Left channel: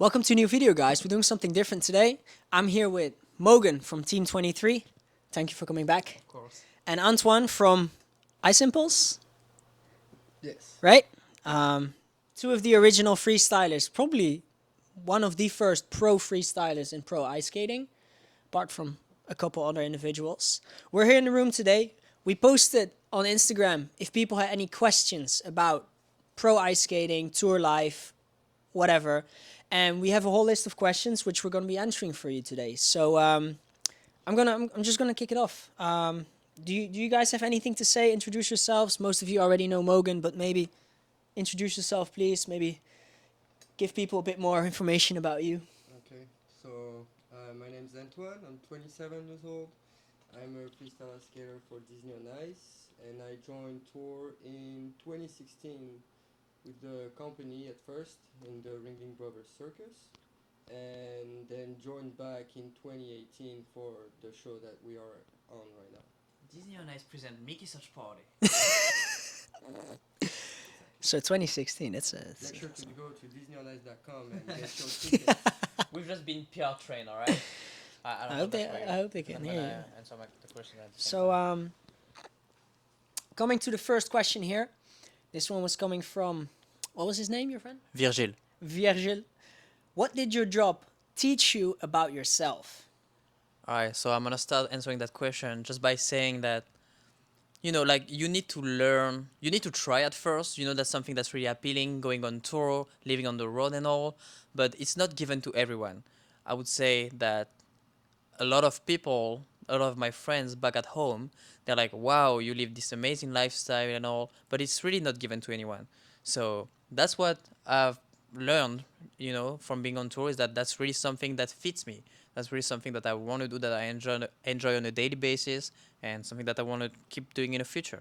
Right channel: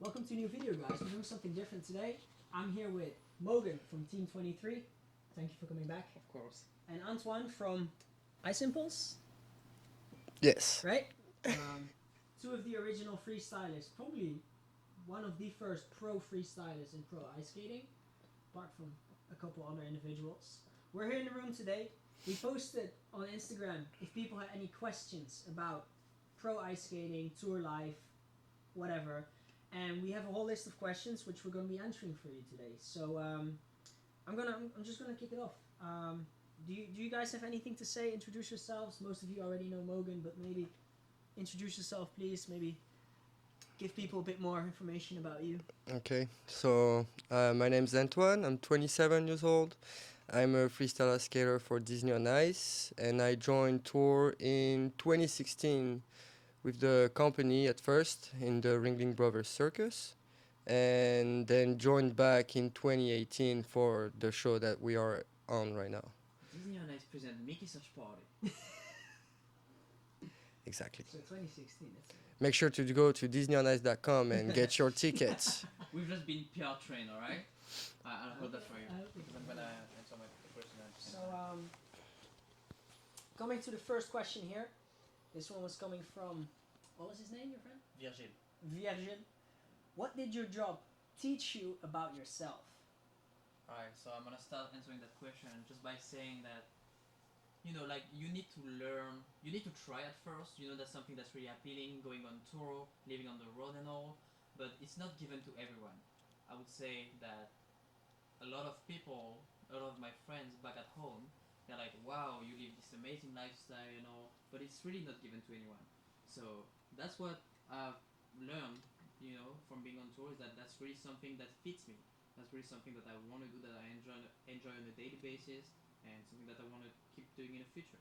Welcome to a new video, guys. We're doing something different today. I'm here with Maugan from Team 23. Thank you for coming back. Of course. And Antoine from Ice Impulse, Yes. right? Two of the original freestylers, probably one of the first pro freestylers in pro ice skating, apart from a couple other individuals. We're here in the room today. We posted on Instagram if people had any questions about pro ice skating, tour life, whatever. And we have a whole list of questions which we're going to be answering for you today. So I'm just gonna kick it off. Do you guys have anything to say? Introduce yourselves. Most of you already know Maugan, but maybe introduce yourself, please. Maybe give people a bit more information about you. Okay. So my name's Antoine. I'm 27 years old. I'm a freestyler skater for Disney on Ice, and I joined tour in 2016 with the company at first in the Ringling Brothers Circus, and then joined back in 2018 for the show that we are on right now. Disney on Ice present Mickey Search Party. Exactly. So 2016. Make sure to go to DisneyOnIce.com and get your tickets. We've just been PR trained, alright? I hope they can hear you. Answer the question. So coming to the first question here. This one was coming from, what was his name, your friend? Virgil. Virgil. What did your job teach you about yourself? Alright, so I'm gonna start answering that question just by saying that, like you need to learn, you need to try at first. That's something that's really appealing, going on tour, living on the road and all, but it's not given to everyone. I would say that a lot of people, a lot of my friends back at home, they're like, wow, you live this amazing lifestyle and all, but it's really not given to anyone. So that's what I've learned, from being on tour, is that that's really something that fits me. That's really something that I want to do, that I enjoy on a daily basis, and something that I want to keep doing in the future.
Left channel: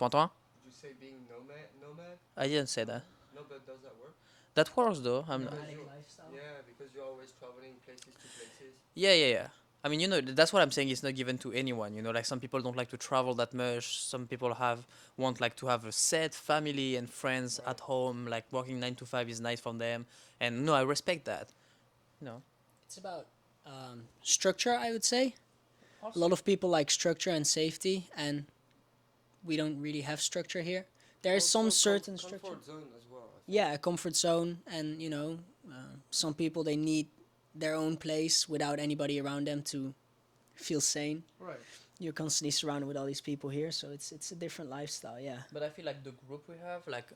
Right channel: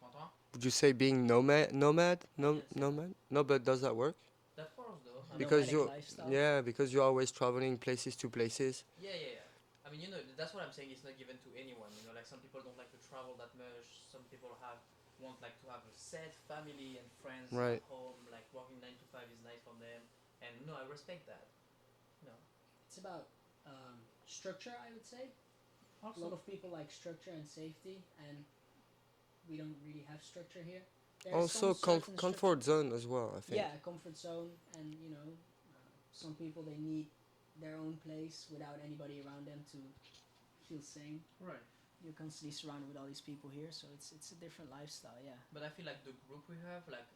Antoine? Would you say being nomad? I didn't say that. No, but does that work? That works though. Because Nomadic lifestyle? because you're always traveling places to places. Yeah. I mean, that's what I'm saying. It's not given to anyone. Like some people don't like to travel that much. Some people want like to have a set family and friends Right. at home. Like working 9 to 5 is nice for them, and no, I respect that. It's about structure, I would say. A lot of people like structure and safety, and we don't really have structure here. There is some Also certain comfort zone as well, I think. yeah, a comfort zone, and some people, they need their own place without anybody around them to feel sane. Right. You're constantly surrounded with all these people here, so it's a different lifestyle. Yeah. But I feel like the group we have, like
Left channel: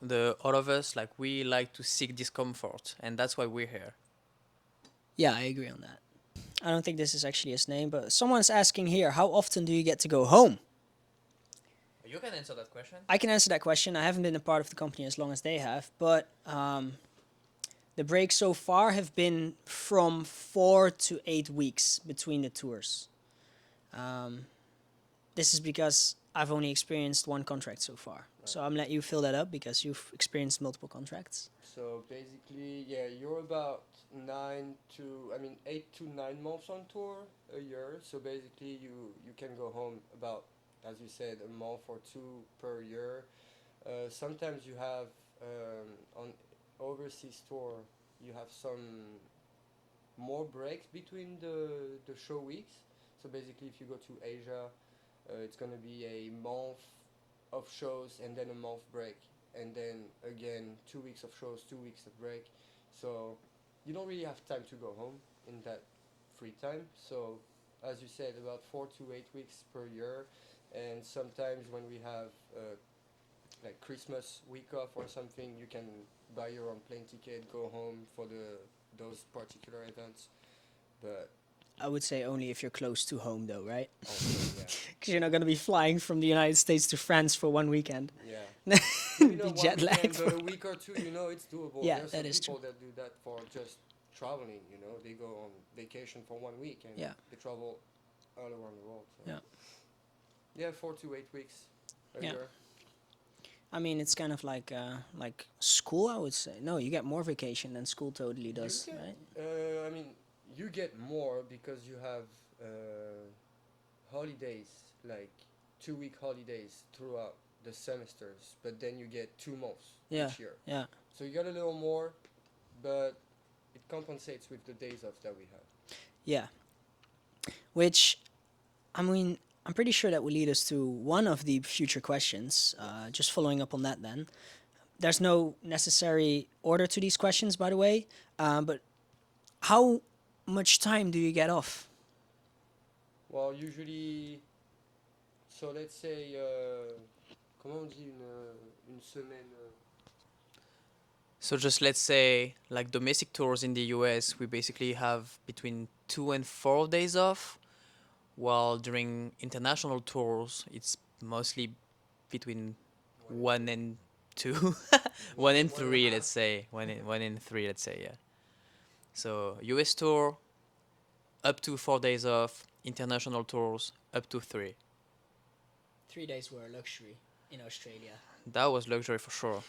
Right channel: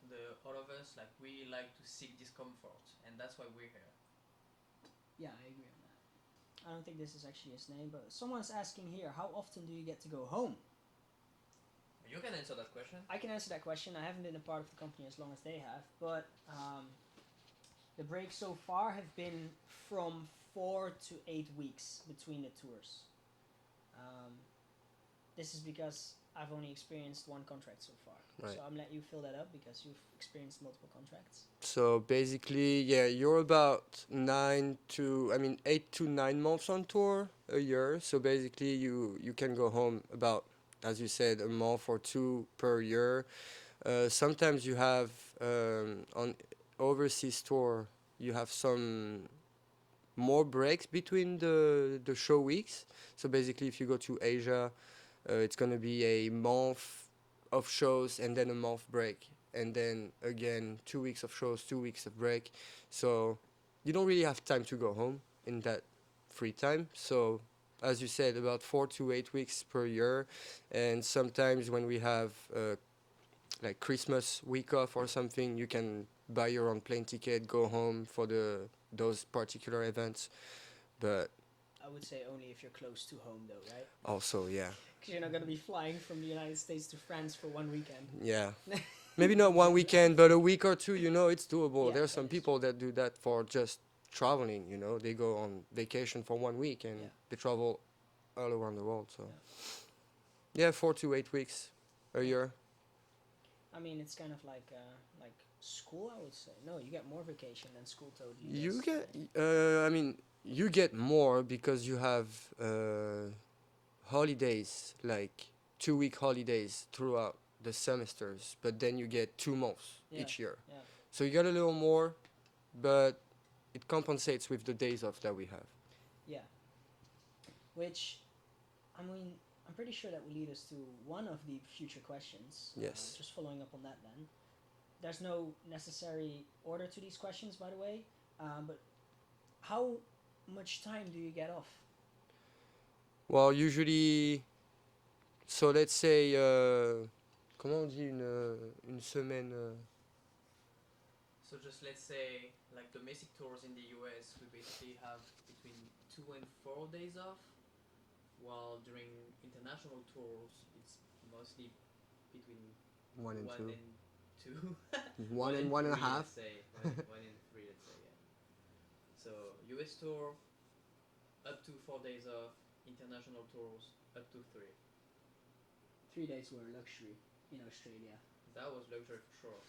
all of us, like we like to seek discomfort, and that's why we're here. Yeah, I agree on that. I don't think this is actually his name, but someone's asking here, how often do you get to go home? You can answer that question. I can answer that question. I haven't been a part of the company as long as they have, but the breaks so far have been from 4 to 8 weeks between the tours. This is because I've only experienced one contract so far. Right. So I'm letting you fill that up because you've experienced multiple contracts. So basically, yeah, you're about 8 to 9 months on tour a year. So basically, you can go home about, as you said, a month or two per year. Sometimes you have on overseas tour, you have some more breaks between the show weeks. So basically, if you go to Asia, it's gonna be a month of shows and then a month break, and then again 2 weeks of shows, 2 weeks of break. So you don't really have time to go home in that free time. So as you said, about 4 to 8 weeks per year, and sometimes when we have like Christmas week off or something, you can buy your own plane ticket, go home for those particular events. But I would say only if you're close to home, though, right? also, yeah, Because you're not going to be flying from the United States to France for one weekend. yeah, maybe not one Jet weekend, lag. but a week or two. It's doable. Yeah, There's that some is people that do that for just traveling. They go on vacation for 1 week and Yeah. they travel all around the world. So Yeah. yeah, 4 to 8 weeks a Yeah. year. I mean, it's kind of like school, I would say. No, you get more vacation than school totally You does. get, right? you get more because you have holidays, like 2 week holidays throughout the semesters, but then you get 2 months Yeah, each year. yeah. So you get a little more, but it compensates with the days off that we have. Yeah. Which, I mean, I'm pretty sure that will lead us to one of the future questions. Yes. Just following up on that, then. There's no necessary order to these questions, by the way. But how much time do you get off? Well, usually, so let's say, comment on dit une semaine So just let's say like domestic tours in the US, we basically have between 2 and 4 days off, while during international tours, it's mostly between one and two, one and one and a three, half. let's say one and three, let's say, yeah. So US tour up to 4 days off, international tours up to three. 3 days were a luxury in Australia. That was luxury for sure.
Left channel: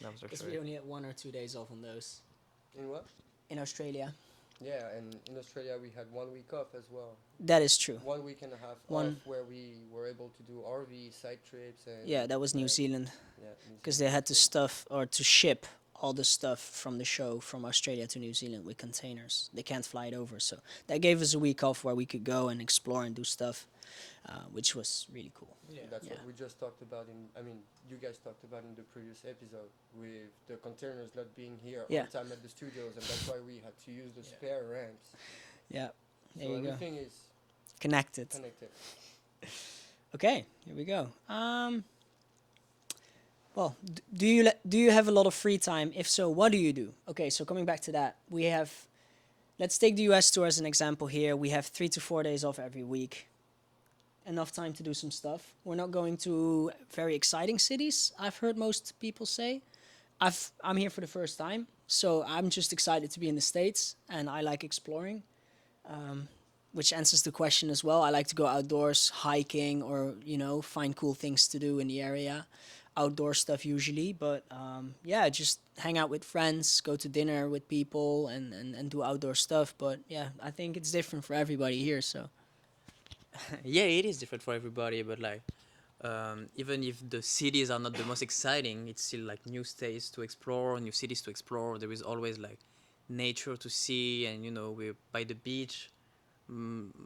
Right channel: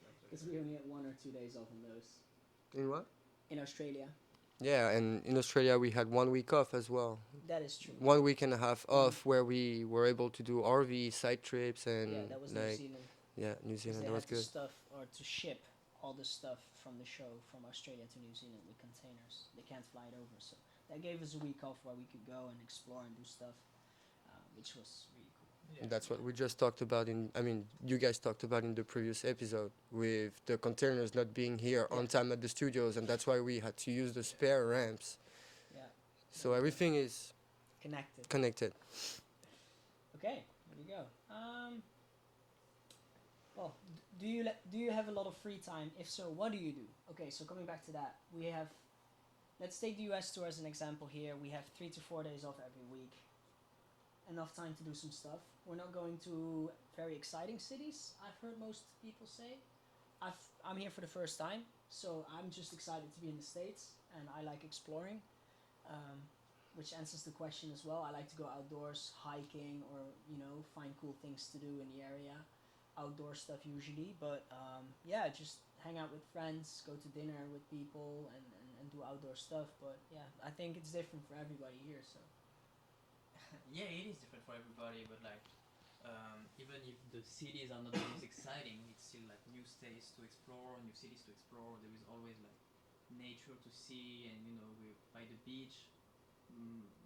That was Because luxury. we only had 1 or 2 days off on those. In what? In Australia. Yeah, and in Australia we had 1 week off as well. That is true. 1 week and a half One- off where we were able to do RV side trips and Yeah, that was New like, Zealand. Yeah, New Because Zealand they was had to good. stuff or to ship all the stuff from the show from Australia to New Zealand with containers. They can't fly it over. So that gave us a week off where we could go and explore and do stuff, which was really cool. That's what we just talked about you guys talked about in the previous episode with the containers not being here Yeah. on time at the studios, and that's why we had to use the spare ramps. Yeah. There So you go. everything is Connected. connected. Okay, here we go. Well, do you have a lot of free time? If so, what do you do? Okay, so coming back to that, we have. Let's take the US tour as an example here. We have 3 to 4 days off every week. Enough time to do some stuff. We're not going to very exciting cities, I've heard most people say. I'm here for the first time, so I'm just excited to be in the States, and I like exploring. Which answers the question as well. I like to go outdoors, hiking, or find cool things to do in the area. Outdoor stuff usually, but yeah, just hang out with friends, go to dinner with people, and do outdoor stuff. But yeah, I think it's different for everybody here. So Yeah, it is different for everybody, but like, even if the cities are not the most exciting, it's still like new states to explore, new cities to explore. There is always like nature to see, and we're by the beach,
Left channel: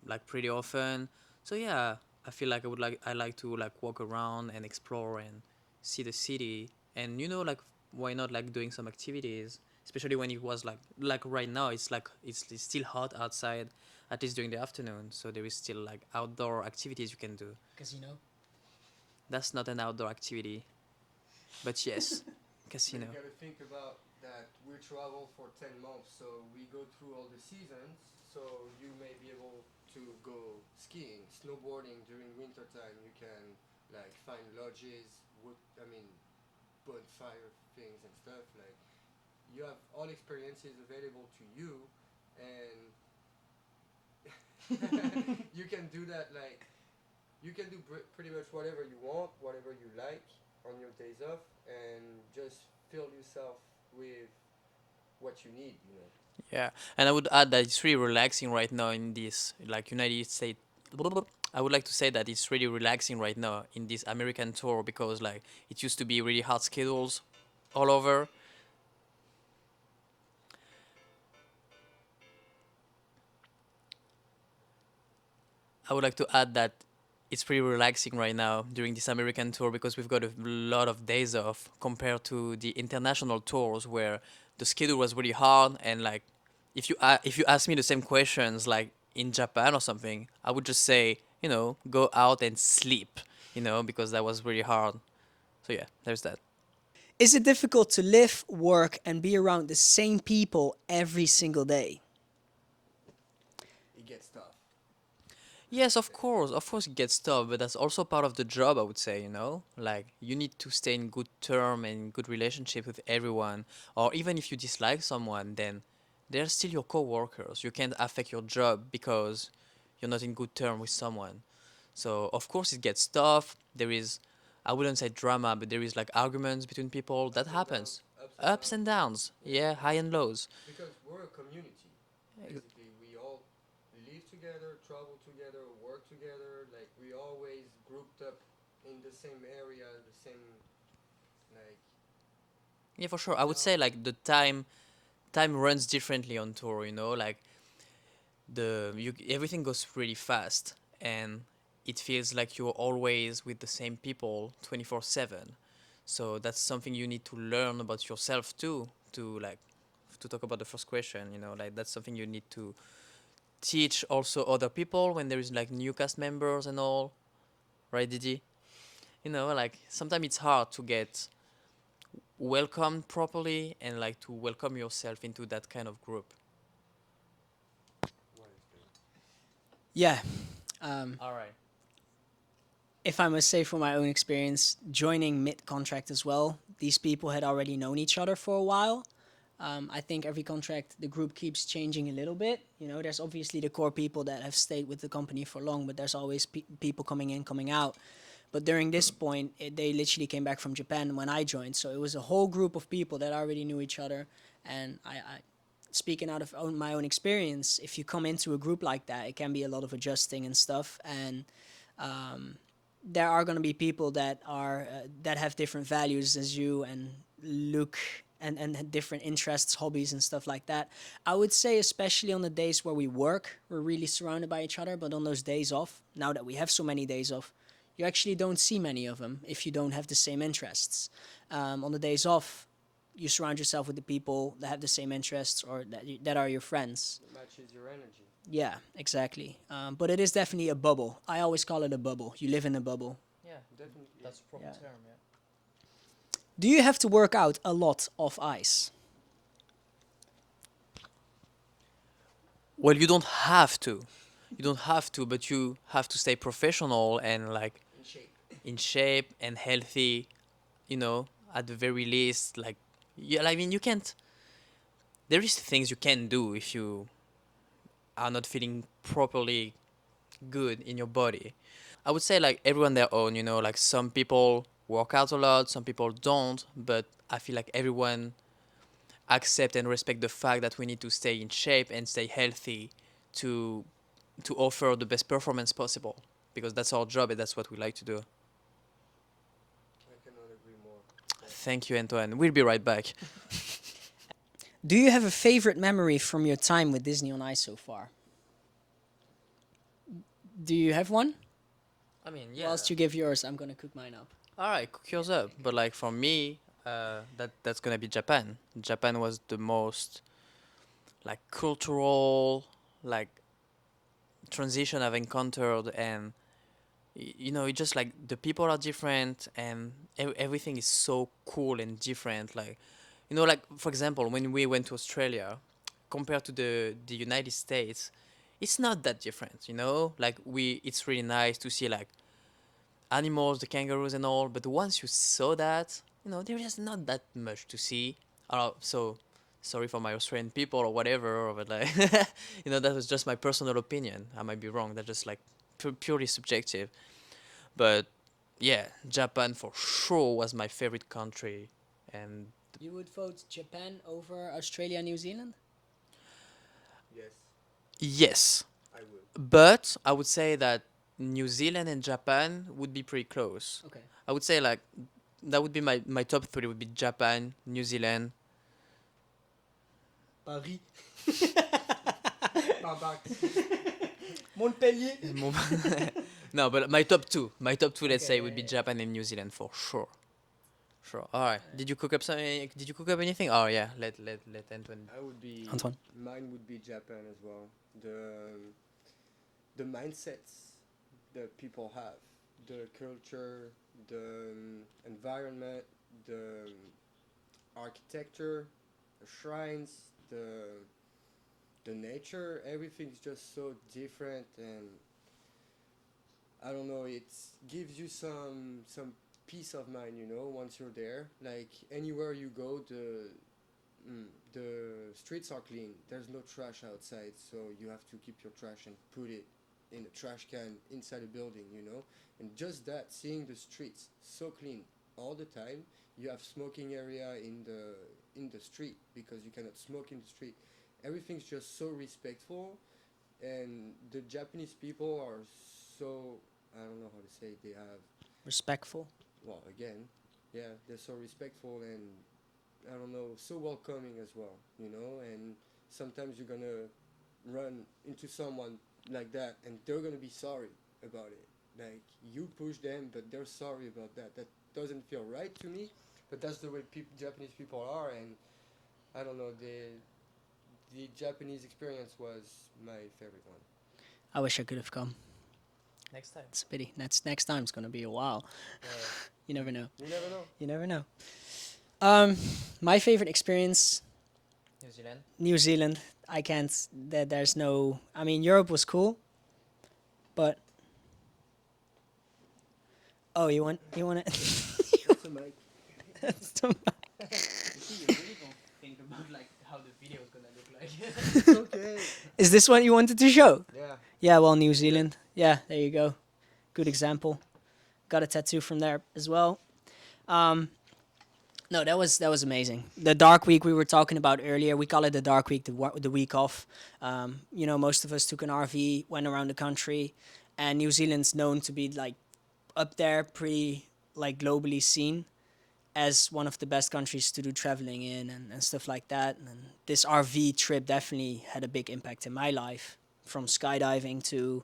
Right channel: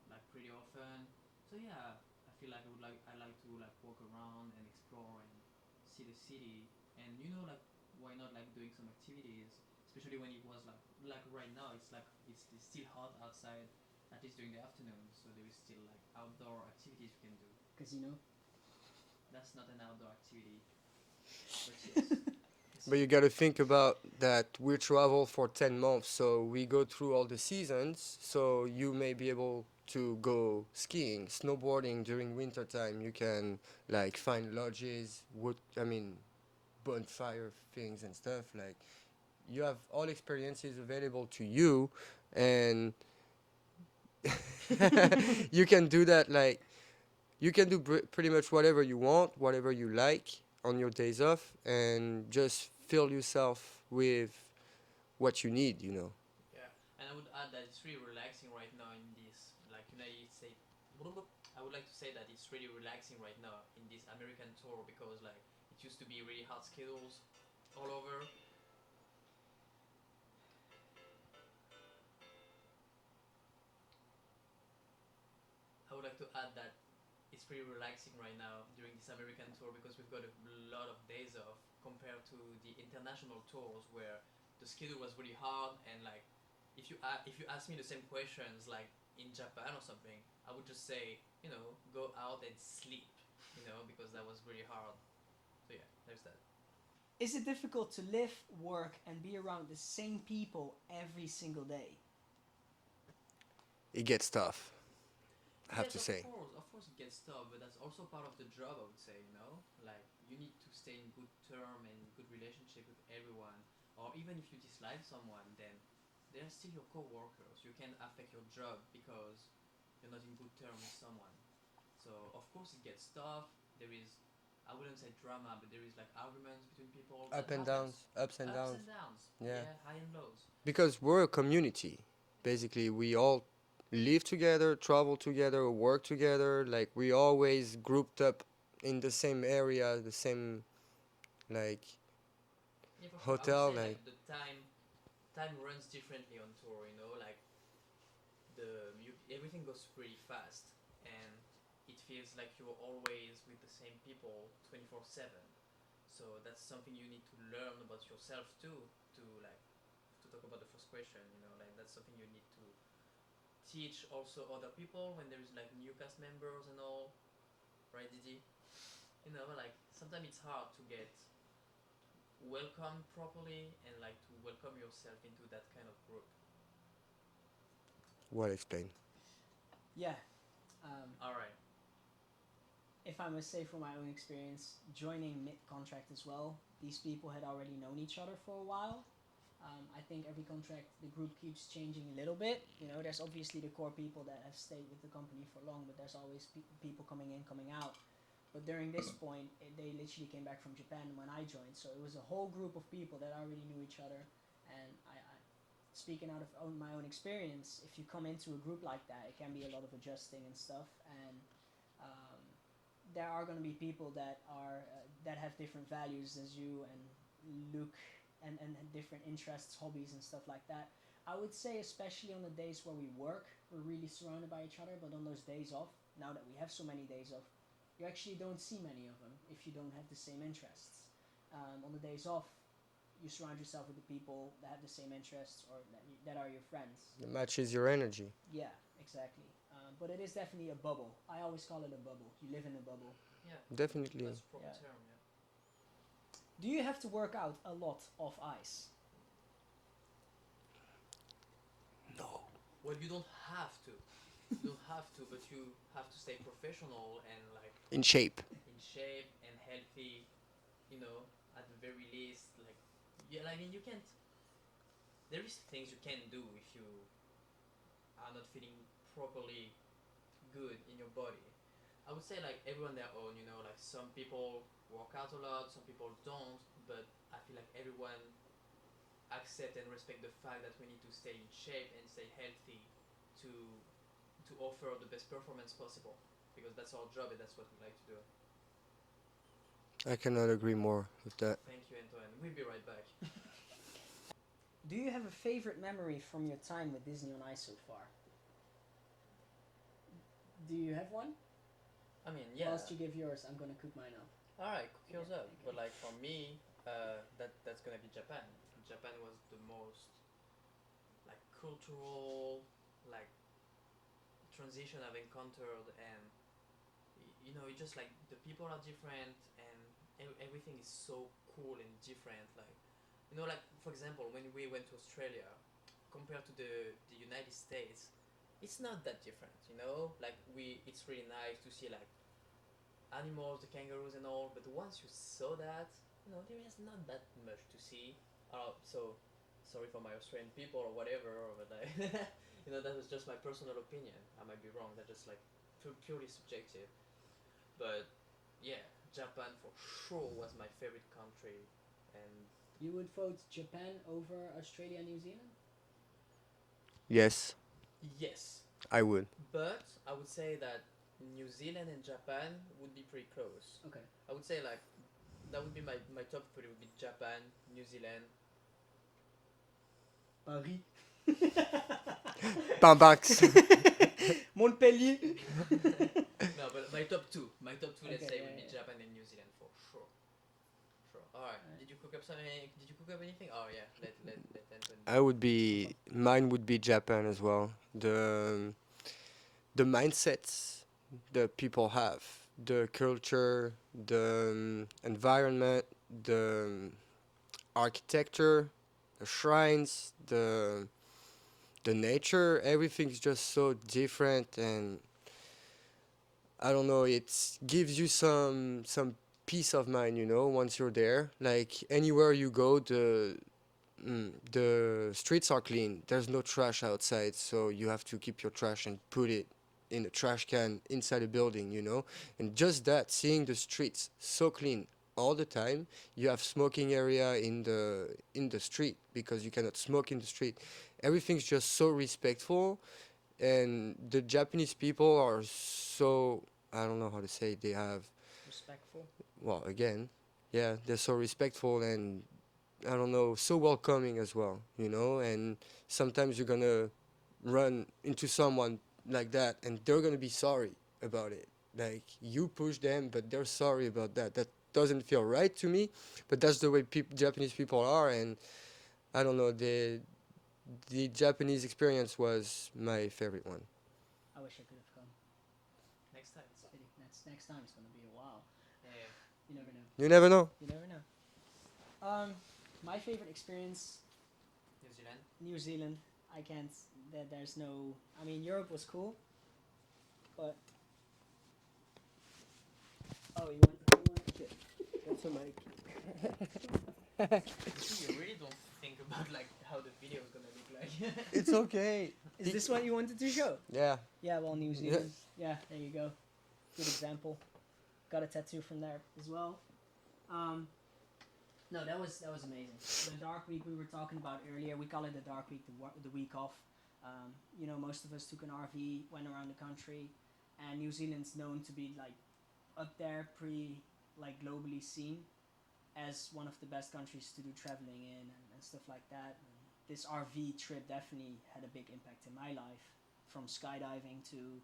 like pretty often. So yeah, I feel like I like to like walk around and explore and see the city, and like why not like doing some activities, especially when it was like right now it's like it's still hot outside, at least during the afternoon, so there is still like outdoor activities you can do. casino. That's not an outdoor activity, but yes. But you Casino. got to think about that we travel for 10 months, so we go through all the seasons. So you may be able to go skiing, snowboarding during winter time. You can like find lodges, bonfire things and stuff. Like you have all experiences available to you, and you can do that. Like you can do pretty much whatever you want, whatever you like on your days off, and just fill yourself with what you need. Yeah, and I would add that it's really relaxing right now in this like United States. I would like to say that it's really relaxing right now in this American tour, because like it used to be really hard schedules all over. I would like to add that it's pretty relaxing right now during this American tour, because we've got a lot of days off compared to the international tours where the schedule was really hard, and like if you ask me the same questions like in Japan or something, I would just say, go out and sleep, because that was really hard. So yeah, there's that. Is it difficult to live, work, and be around the same people every single day? It gets tough. I have Yes, to of say. course, it gets tough, but that's also part of the job, I would say, Like, you need to stay in good term and good relationship with everyone, or even if you dislike someone, then they're still your co-workers. You can't affect your job because you're not in good term with someone. So, of course, it gets tough. There is, I wouldn't say drama, but there is like arguments between people. That Up and downs, happens. ups and Ups downs. and downs. Yeah. Yeah, high and lows. Because we're a community. Basically, we all live together, travel together, work together. Like we always grouped up in the same area, the same like Yeah, for sure. I would hotel. say Like like the time time runs differently on tour. You know, like everything goes really fast, and it feels like you're always with the same people 24/7. So that's something you need to learn about yourself too. To talk about the first question, you know, like that's something you need to teach also other people when there is like new cast members and all, right, Didi? You know, like sometimes it's hard to get welcomed properly and like to welcome yourself into that kind of group. Well explained. Yeah. Um, All right. if I must say from my own experience, joining mid-contract as well, these people had already known each other for a while. I think every contract, the group keeps changing a little bit. You know, there's obviously the core people that have stayed with the company for long, but there's always people coming in, coming out. But during this point, they literally came back from Japan when I joined. So it was a whole group of people that already knew each other. And speaking out of my own experience, if you come into a group like that, it can be a lot of adjusting and stuff. And there are going to be people that that have different values as you and look and had different interests, hobbies, and stuff like that. I would say, especially on the days where we work, we're really surrounded by each other. But on those days off, now that we have so many days off, you actually don't see many of them if you don't have the same interests. On the days off, you surround yourself with the people that have the same interests or that are your friends. It matches your energy. Yeah, exactly. But it is definitely a bubble. I always call it a bubble. You live in a bubble. Yeah, Definitely. that's proper Yeah. term. Yeah. Do you have to work out a lot off ice? Well, you don't have to. You don't have to, but you have to stay professional and like In shape. in shape and healthy. You know, at the very least, like yeah. I mean, you can't. There is things you can do if you are not feeling properly good in your body. I would say like everyone their own. You know, like some people work out a lot, some people don't, but I feel like everyone accept and respect the fact that we need to stay in shape and stay healthy to offer the best performance possible because that's our job and that's what we like to do. I cannot agree more with that. Thank you, Antoine. We'll be right back. Do you have a favorite memory from your time with Disney on Ice so far? Do you have one? I mean, Whilst you give yours, I'm gonna cook mine up. All right, cook yours up. But like for me, that's gonna be Japan. Japan was the most like cultural like transition I've encountered, and you know, it's just like the people are different, and everything is so cool and different. Like, you know, like for example, when we went to Australia, compared to the United States, it's not that different. You know, like it's really nice to see like animals, the kangaroos and all. But once you saw that, you know, there is not that much to see. So sorry for my Australian people or whatever, but like, you know, that was just my personal opinion. I might be wrong. That's just like purely subjective. But yeah, Japan for sure was my favorite country, and You would vote Japan over Australia, New Zealand? Yes, yes, I would. but I would say that New Zealand and Japan would be pretty close. Okay. I would say like that would be my top three would be Japan, New Zealand. Paris. Pambax. Montpellier. No, but my top two, let's Okay, say, would be yeah. Japan and New Zealand for sure. Sure. All right. Did you cook up something? Did you cook up anything? Oh yeah. Let Antoine. I would be. Antoine. Mine would be Japan as well. The mindsets that people have, the culture, the environment, the architecture, the shrines, the nature. Everything's just so different, and I don't know. It gives you some peace of mind, you know, once you're there. Like anywhere you go, the streets are clean. There's no trash outside, so you have to keep your trash and put it in a trash can inside a building, you know. And just that, seeing the streets so clean all the time. You have smoking area in the street because you cannot smoke in the street. Everything's just so respectful, and the Japanese people are so, I don't know how to say, they have, Respectful. well, again, yeah, they're so respectful, and I don't know, so welcoming as well, you know. And sometimes you're gonna run into someone like that, and they're gonna be sorry about it. Like you push them, but they're sorry about that. That doesn't feel right to me, but that's the way Japanese people are. And I don't know, the Japanese experience was my favorite one. I wish I could have come. Next time. It's a pity. Next time's gonna be a while. Yeah, You never know. You never know. You never know. Um, my favorite experience, New Zealand. New Zealand. I can't. There's no. I mean, Europe was cool, but oh, you want it? That's the mic. You really don't think about like how the video is gonna look like. It's okay. Is this what you wanted to show? Yeah. Yeah, well, New Zealand. Yeah, there you go. Good example. Got a tattoo from there as well. No, that was amazing. The dark week we were talking about earlier, we call it the dark week, the week off. Most of us took an RV, went around the country, and New Zealand's known to be like up there, pretty like globally seen as one of the best countries to do traveling in and stuff like that. And this RV trip definitely had a big impact in my life, from skydiving to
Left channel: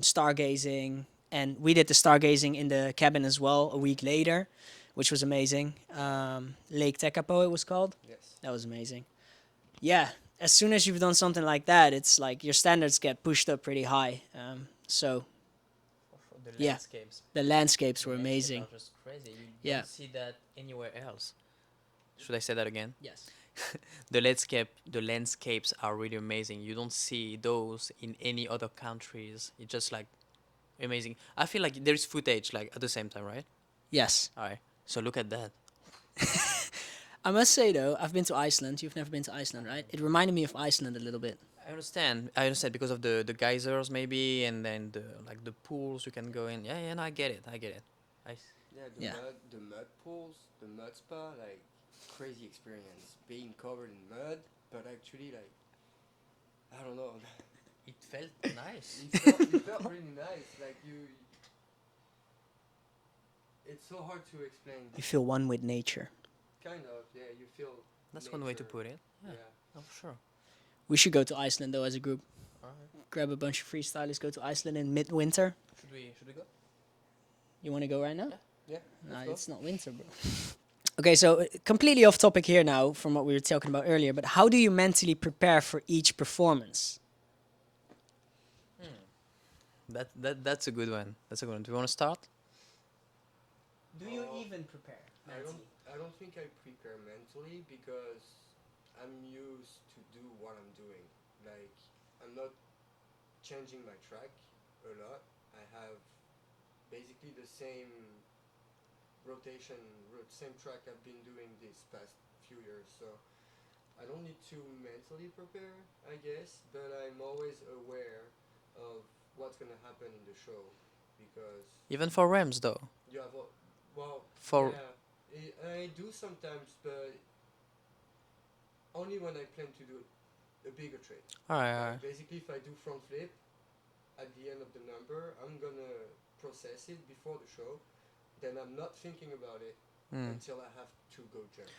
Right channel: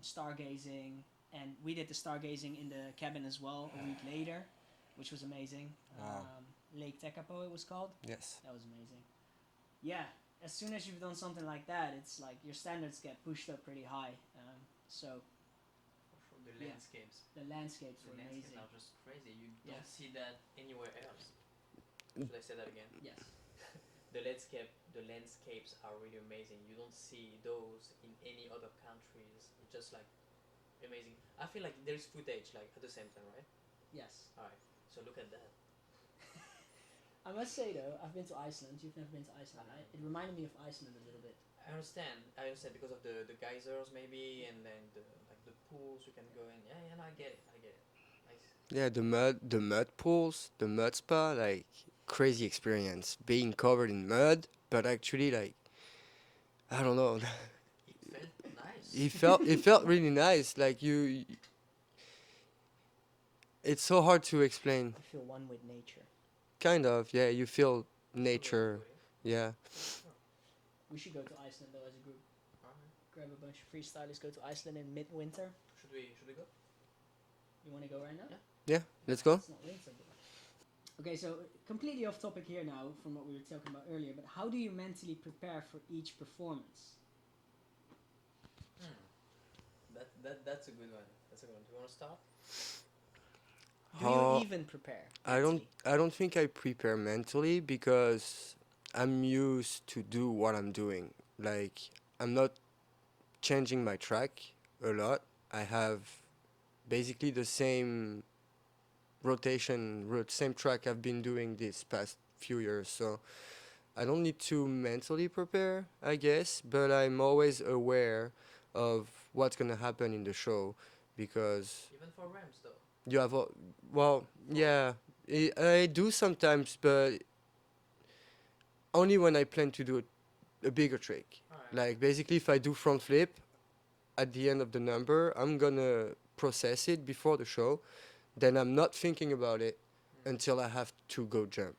stargazing. And we did the stargazing in the cabin as well a week later, which was amazing. Lake Tekapo, it was called. Yes. That was amazing. Yeah, as soon as you've done something like that, it's like your standards get pushed up pretty high. So The Yeah. landscapes. the landscapes The were landscapes amazing. are just crazy. You Yeah. don't see that anywhere else. Should I say that again? Yes. The landscapes are really amazing. You don't see those in any other countries. It's just like amazing. I feel like there is footage like at the same time, right? Yes. All right. So look at that. I must say though, I've been to Iceland. You've never been to Iceland, right? It reminded me of Iceland a little bit. I understand. I understand because of the geysers maybe, and then the like the pools you can go in. Yeah, yeah. No, I get it. I get it. Yeah, the Yeah. mud pools, the mud spa, like crazy experience. Being covered in mud, but actually like I don't know. It felt nice. it felt really nice. Like it's so hard to explain. You feel one with nature. Kind of, yeah. You feel That's one way to nature. put it. Yeah. Oh, sure. We should go to Iceland though as a group. Alright. Grab a bunch of freestylers, go to Iceland in midwinter. Should we go? You want to go right now? Yeah. Let's Nah, go. It's not winter, bro. Okay, so completely off topic here now from what we were talking about earlier, but how do you mentally prepare for each performance? That's a good one. That's a good one. Do you want to start? Do How- you even prepare? I don't think I prepare mentally because I'm used to do what I'm doing. Like I'm not changing my track a lot. I have basically the same same track I've been doing this past few years. So I don't need to mentally prepare, I guess, but I'm always aware of what's gonna happen in the show because Even for Rams though. you have well, For- yeah, I do sometimes, but only when I plan to do a bigger trick. Alright. Like basically, if I do front flip at the end of the number, I'm gonna process it before the show. Then I'm not thinking about it until I have to go jump.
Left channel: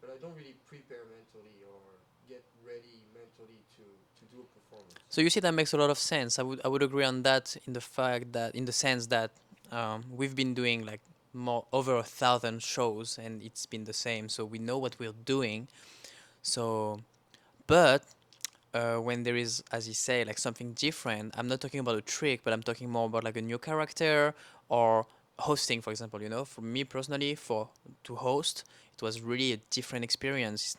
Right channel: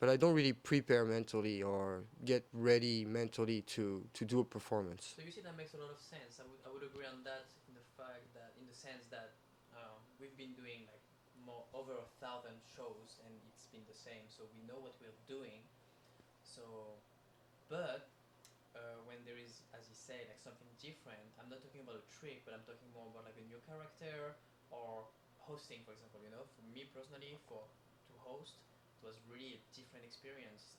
But I don't really prepare mentally or get ready mentally to do a performance. So you see that makes a lot of sense. I would agree on that in the fact that in the sense that we've been doing like more over 1,000 shows and it's been the same, so we know what we're doing. So, but when there is, as you say, like something different, I'm not talking about a trick, but I'm talking more about like a new character or hosting, for example. You know, for me personally, to host, it was really a different experience.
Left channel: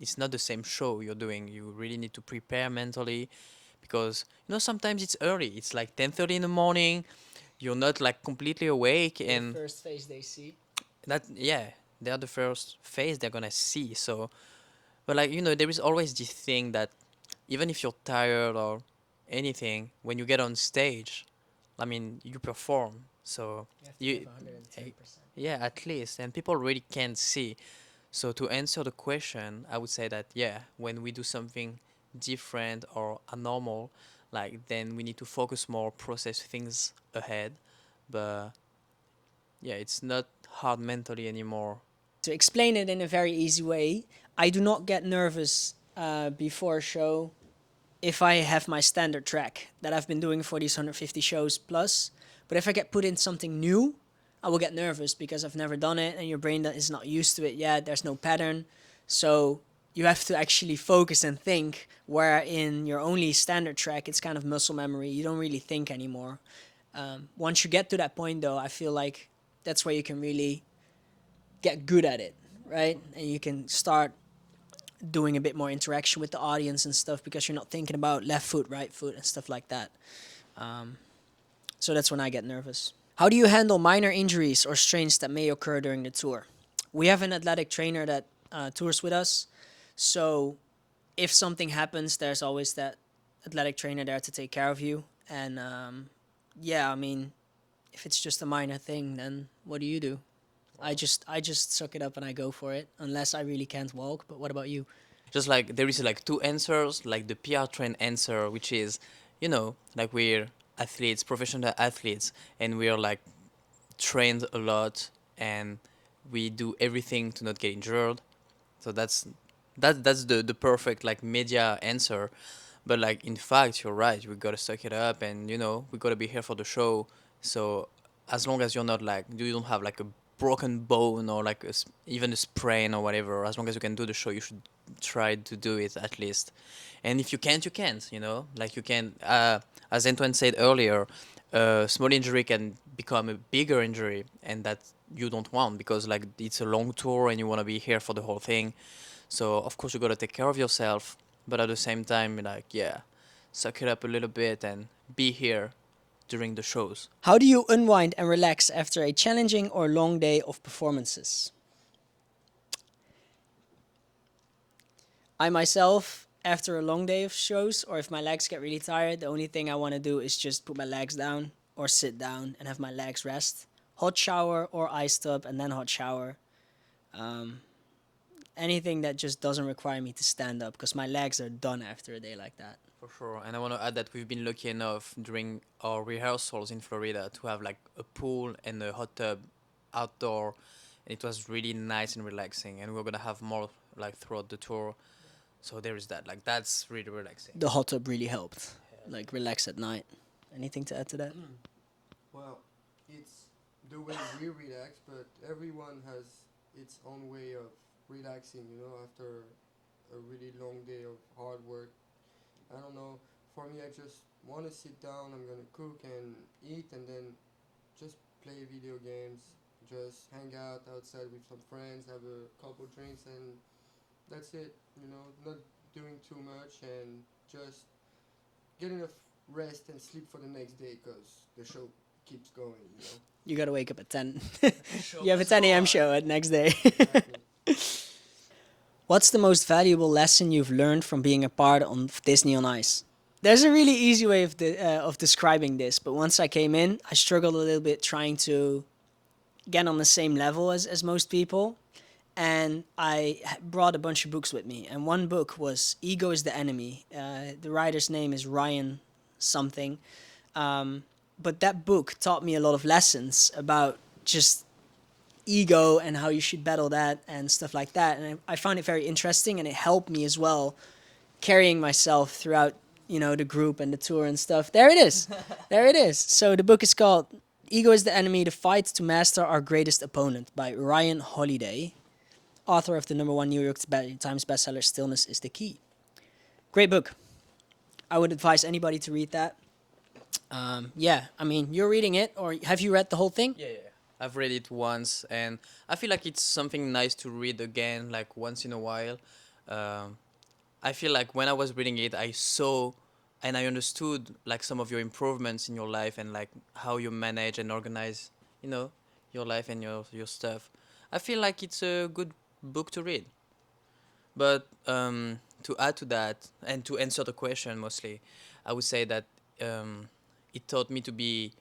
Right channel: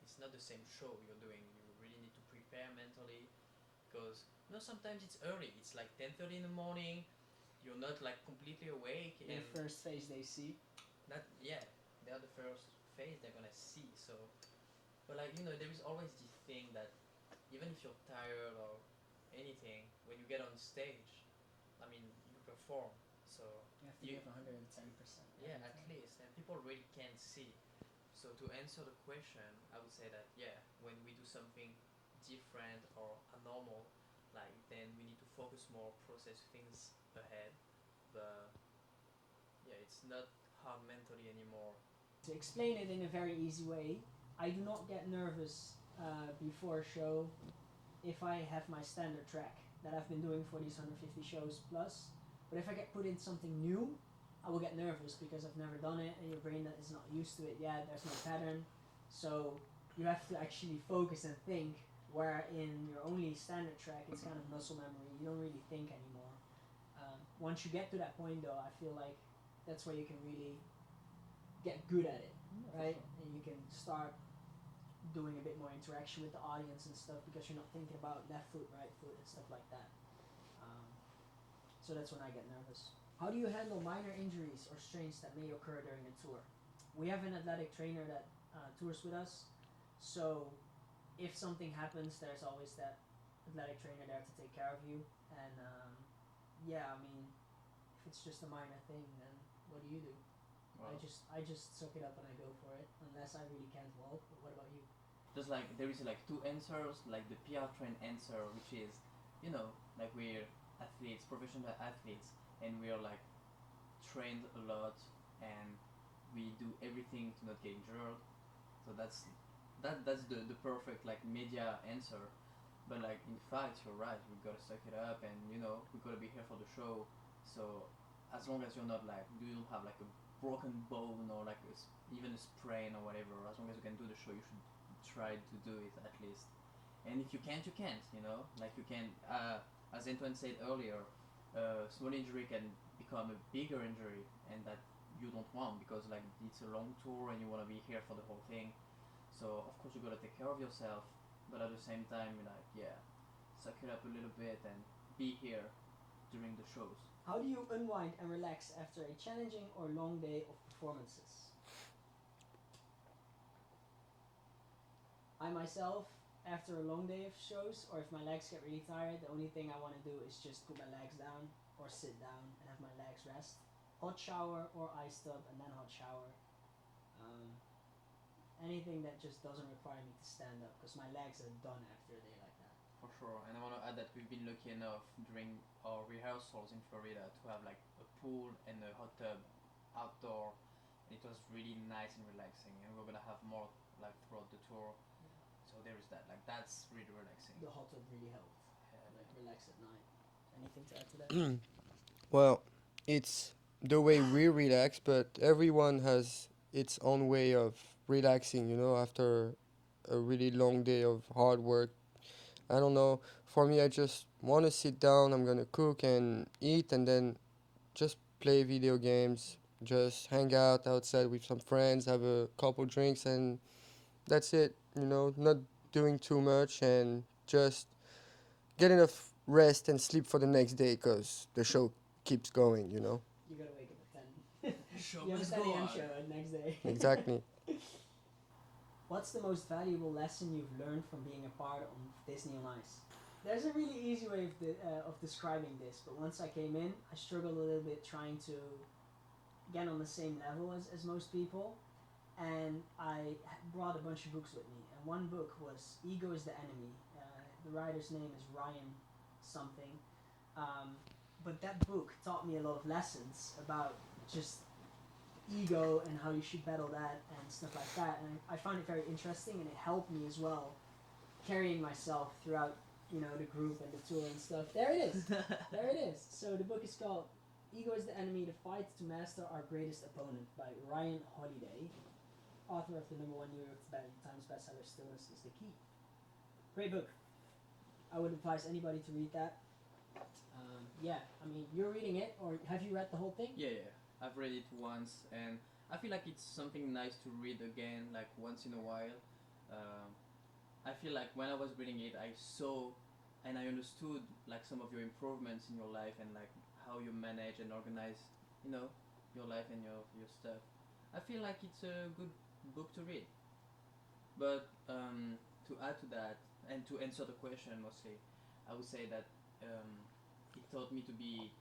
It's not the same show you're doing. You really need to prepare mentally because sometimes it's early. It's like 10:30 in the morning. You're not like completely awake and first face they see. that they're the first face they're gonna see. So but like there is always this thing that even if you're tired or anything, when you get on stage, I mean you perform, so You- 110%. yeah, at least, and people really can't see. So to answer the question, I would say that when we do something different or abnormal, like then we need to focus more, process things ahead. But yeah, it's not hard mentally anymore. to explain it in a very easy way, I do not get nervous before a show if I have my standard track that I've been doing for these 150 shows plus. But if I get put in something new, I will get nervous because I've never done it and your brain is not used to it yet. There's no pattern. So you have to actually focus and think, where in your only standard track, it's kind of muscle memory. You don't really think anymore. Once you get to that point, though, I feel like that's where you can really get good at it, right? And you can start doing a bit more interaction with the audience and stuff because you're not thinking about left foot, right foot, and stuff like that. So that's when I get nervous. How do you handle minor injuries or strains that may occur during the tour? We have an athletic trainer that tours with us, so if something happens, there's always that athletic trainer there to take care of you. And yeah, I mean, if it's just a minor thing, then what do? I just suck it up and I go for it, unless I really can't walk. But what about you? Just like there is like two answers, like the PR train answer, which is, like we're athletes, professional athletes, and we are like trained a lot, and we do everything to not get injured. So that's the perfect like media answer. But like in fact, you're right. We gotta suck it up, and we gotta be here for the show. So as long as you're not like you don't have like a broken bone or like even a sprain or whatever, as long as you can do the show, you should try to do it at least. And if you can't, you can't. Like you can. As Antoine said earlier, a small injury can become a bigger injury, and that you don't want because like it's a long tour and you want to be here for the whole thing. So of course you gotta take care of yourself, but at the same time, like suck it up a little bit and be here during the shows. How do you unwind and relax after a challenging or long day of performances? I myself, after a long day of shows, or if my legs get really tired, the only thing I want to do is just put my legs down or sit down and have my legs rest. Hot shower or ice tub and then hot shower. Anything that just doesn't require me to stand up because my legs are done after a day like that. For sure, and I want to add that we've been lucky enough during our rehearsals in Florida to have like a pool and a hot tub outdoor, and it was really nice and relaxing. And we're gonna have more like throughout the tour, so there is that. Like that's really relaxing. The hot tub really helped. Like relax at night. Anything to add to that? Well, it's the way we relax, but everyone has its own way of relaxing, after a really long day of hard work. I don't know. For me, I just want to sit down. I'm going to cook and eat and then just play video games, just hang out outside with some friends, have a couple drinks, and that's it. Not doing too much and just get enough rest and sleep for the next day because the show keeps going. You gotta wake up at 10. You have a 10 a.m. show at next day. Exactly. What's the most valuable lesson you've learned from being a part of Disney on Ice? There's a really easy way of describing this, but once I came in, I struggled a little bit trying to get on the same level as most people. And I brought a bunch of books with me. And one book was Ego is the Enemy. The writer's name is Ryan something. But that book taught me a lot of lessons about just ego and how you should battle that and stuff like that. And I found it very interesting, and it helped me as well carrying myself throughout, the group and the tour and stuff. There it is. There it is. So the book is called Ego is the Enemy, The Fight to Master Our Greatest Opponent by Ryan Holiday, author of the #1 New York Times bestseller Stillness is the Key. Great book. I would advise anybody to read that. Yeah, I mean, you're reading it, or have you read the whole thing? Yeah. I've read it once, and I feel like it's something nice to read again, like once in a while. I feel like when I was reading it, I saw and I understood like some of your improvements in your life and like how you manage and organize, your life and your stuff. I feel like it's a good book to read. But to add to that and to answer the question mostly, I would say that it taught me to be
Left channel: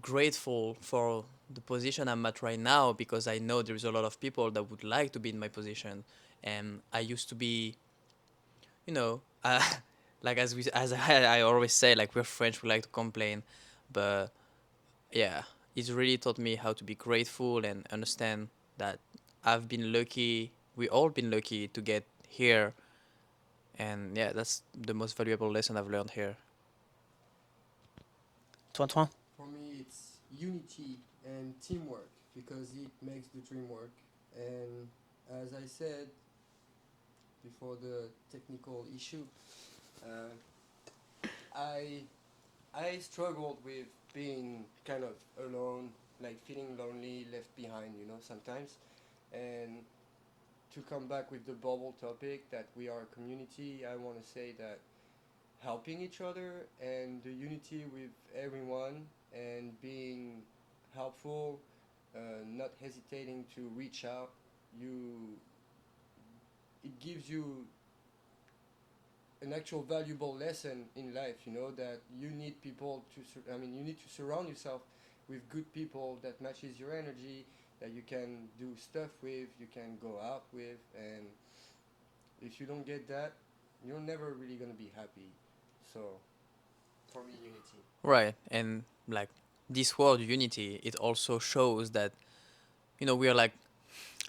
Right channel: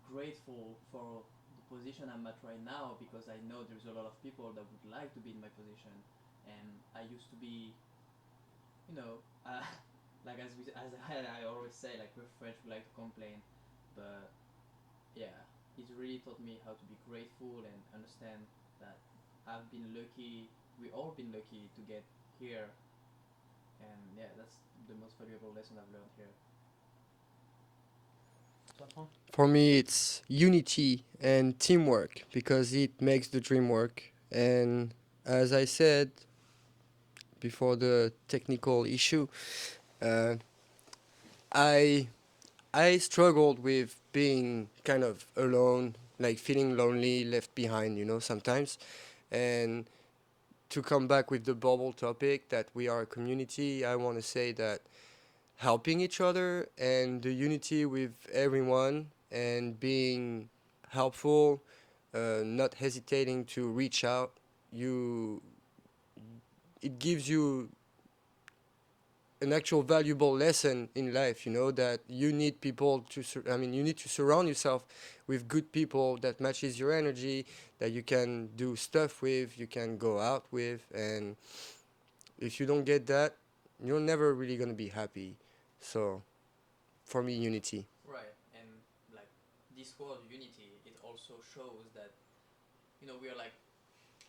grateful for the position I'm at right now, because I know there is a lot of people that would like to be in my position, and I used to be, like I always say, like we're French, we like to complain, but yeah, it really taught me how to be grateful and understand that I've been lucky. We all been lucky to get here, and yeah, that's the most valuable lesson I've learned here. Antoine? For me, it's unity and teamwork because it makes the dream work. And as I said before the technical issue, uh, I I struggled with being kind of alone, like feeling lonely, left behind, sometimes. And to come back with the bubble topic that we are a community, I want to say that helping each other and the unity with everyone and being helpful, not hesitating to reach out, you it gives you an actual valuable lesson in life, that you need people you need to surround yourself with good people that matches your energy, that you can do stuff with, you can go out with, and if you don't get that, you're never really going to be happy. So, for me, unity. Right, and like this word unity, it also shows that we are like,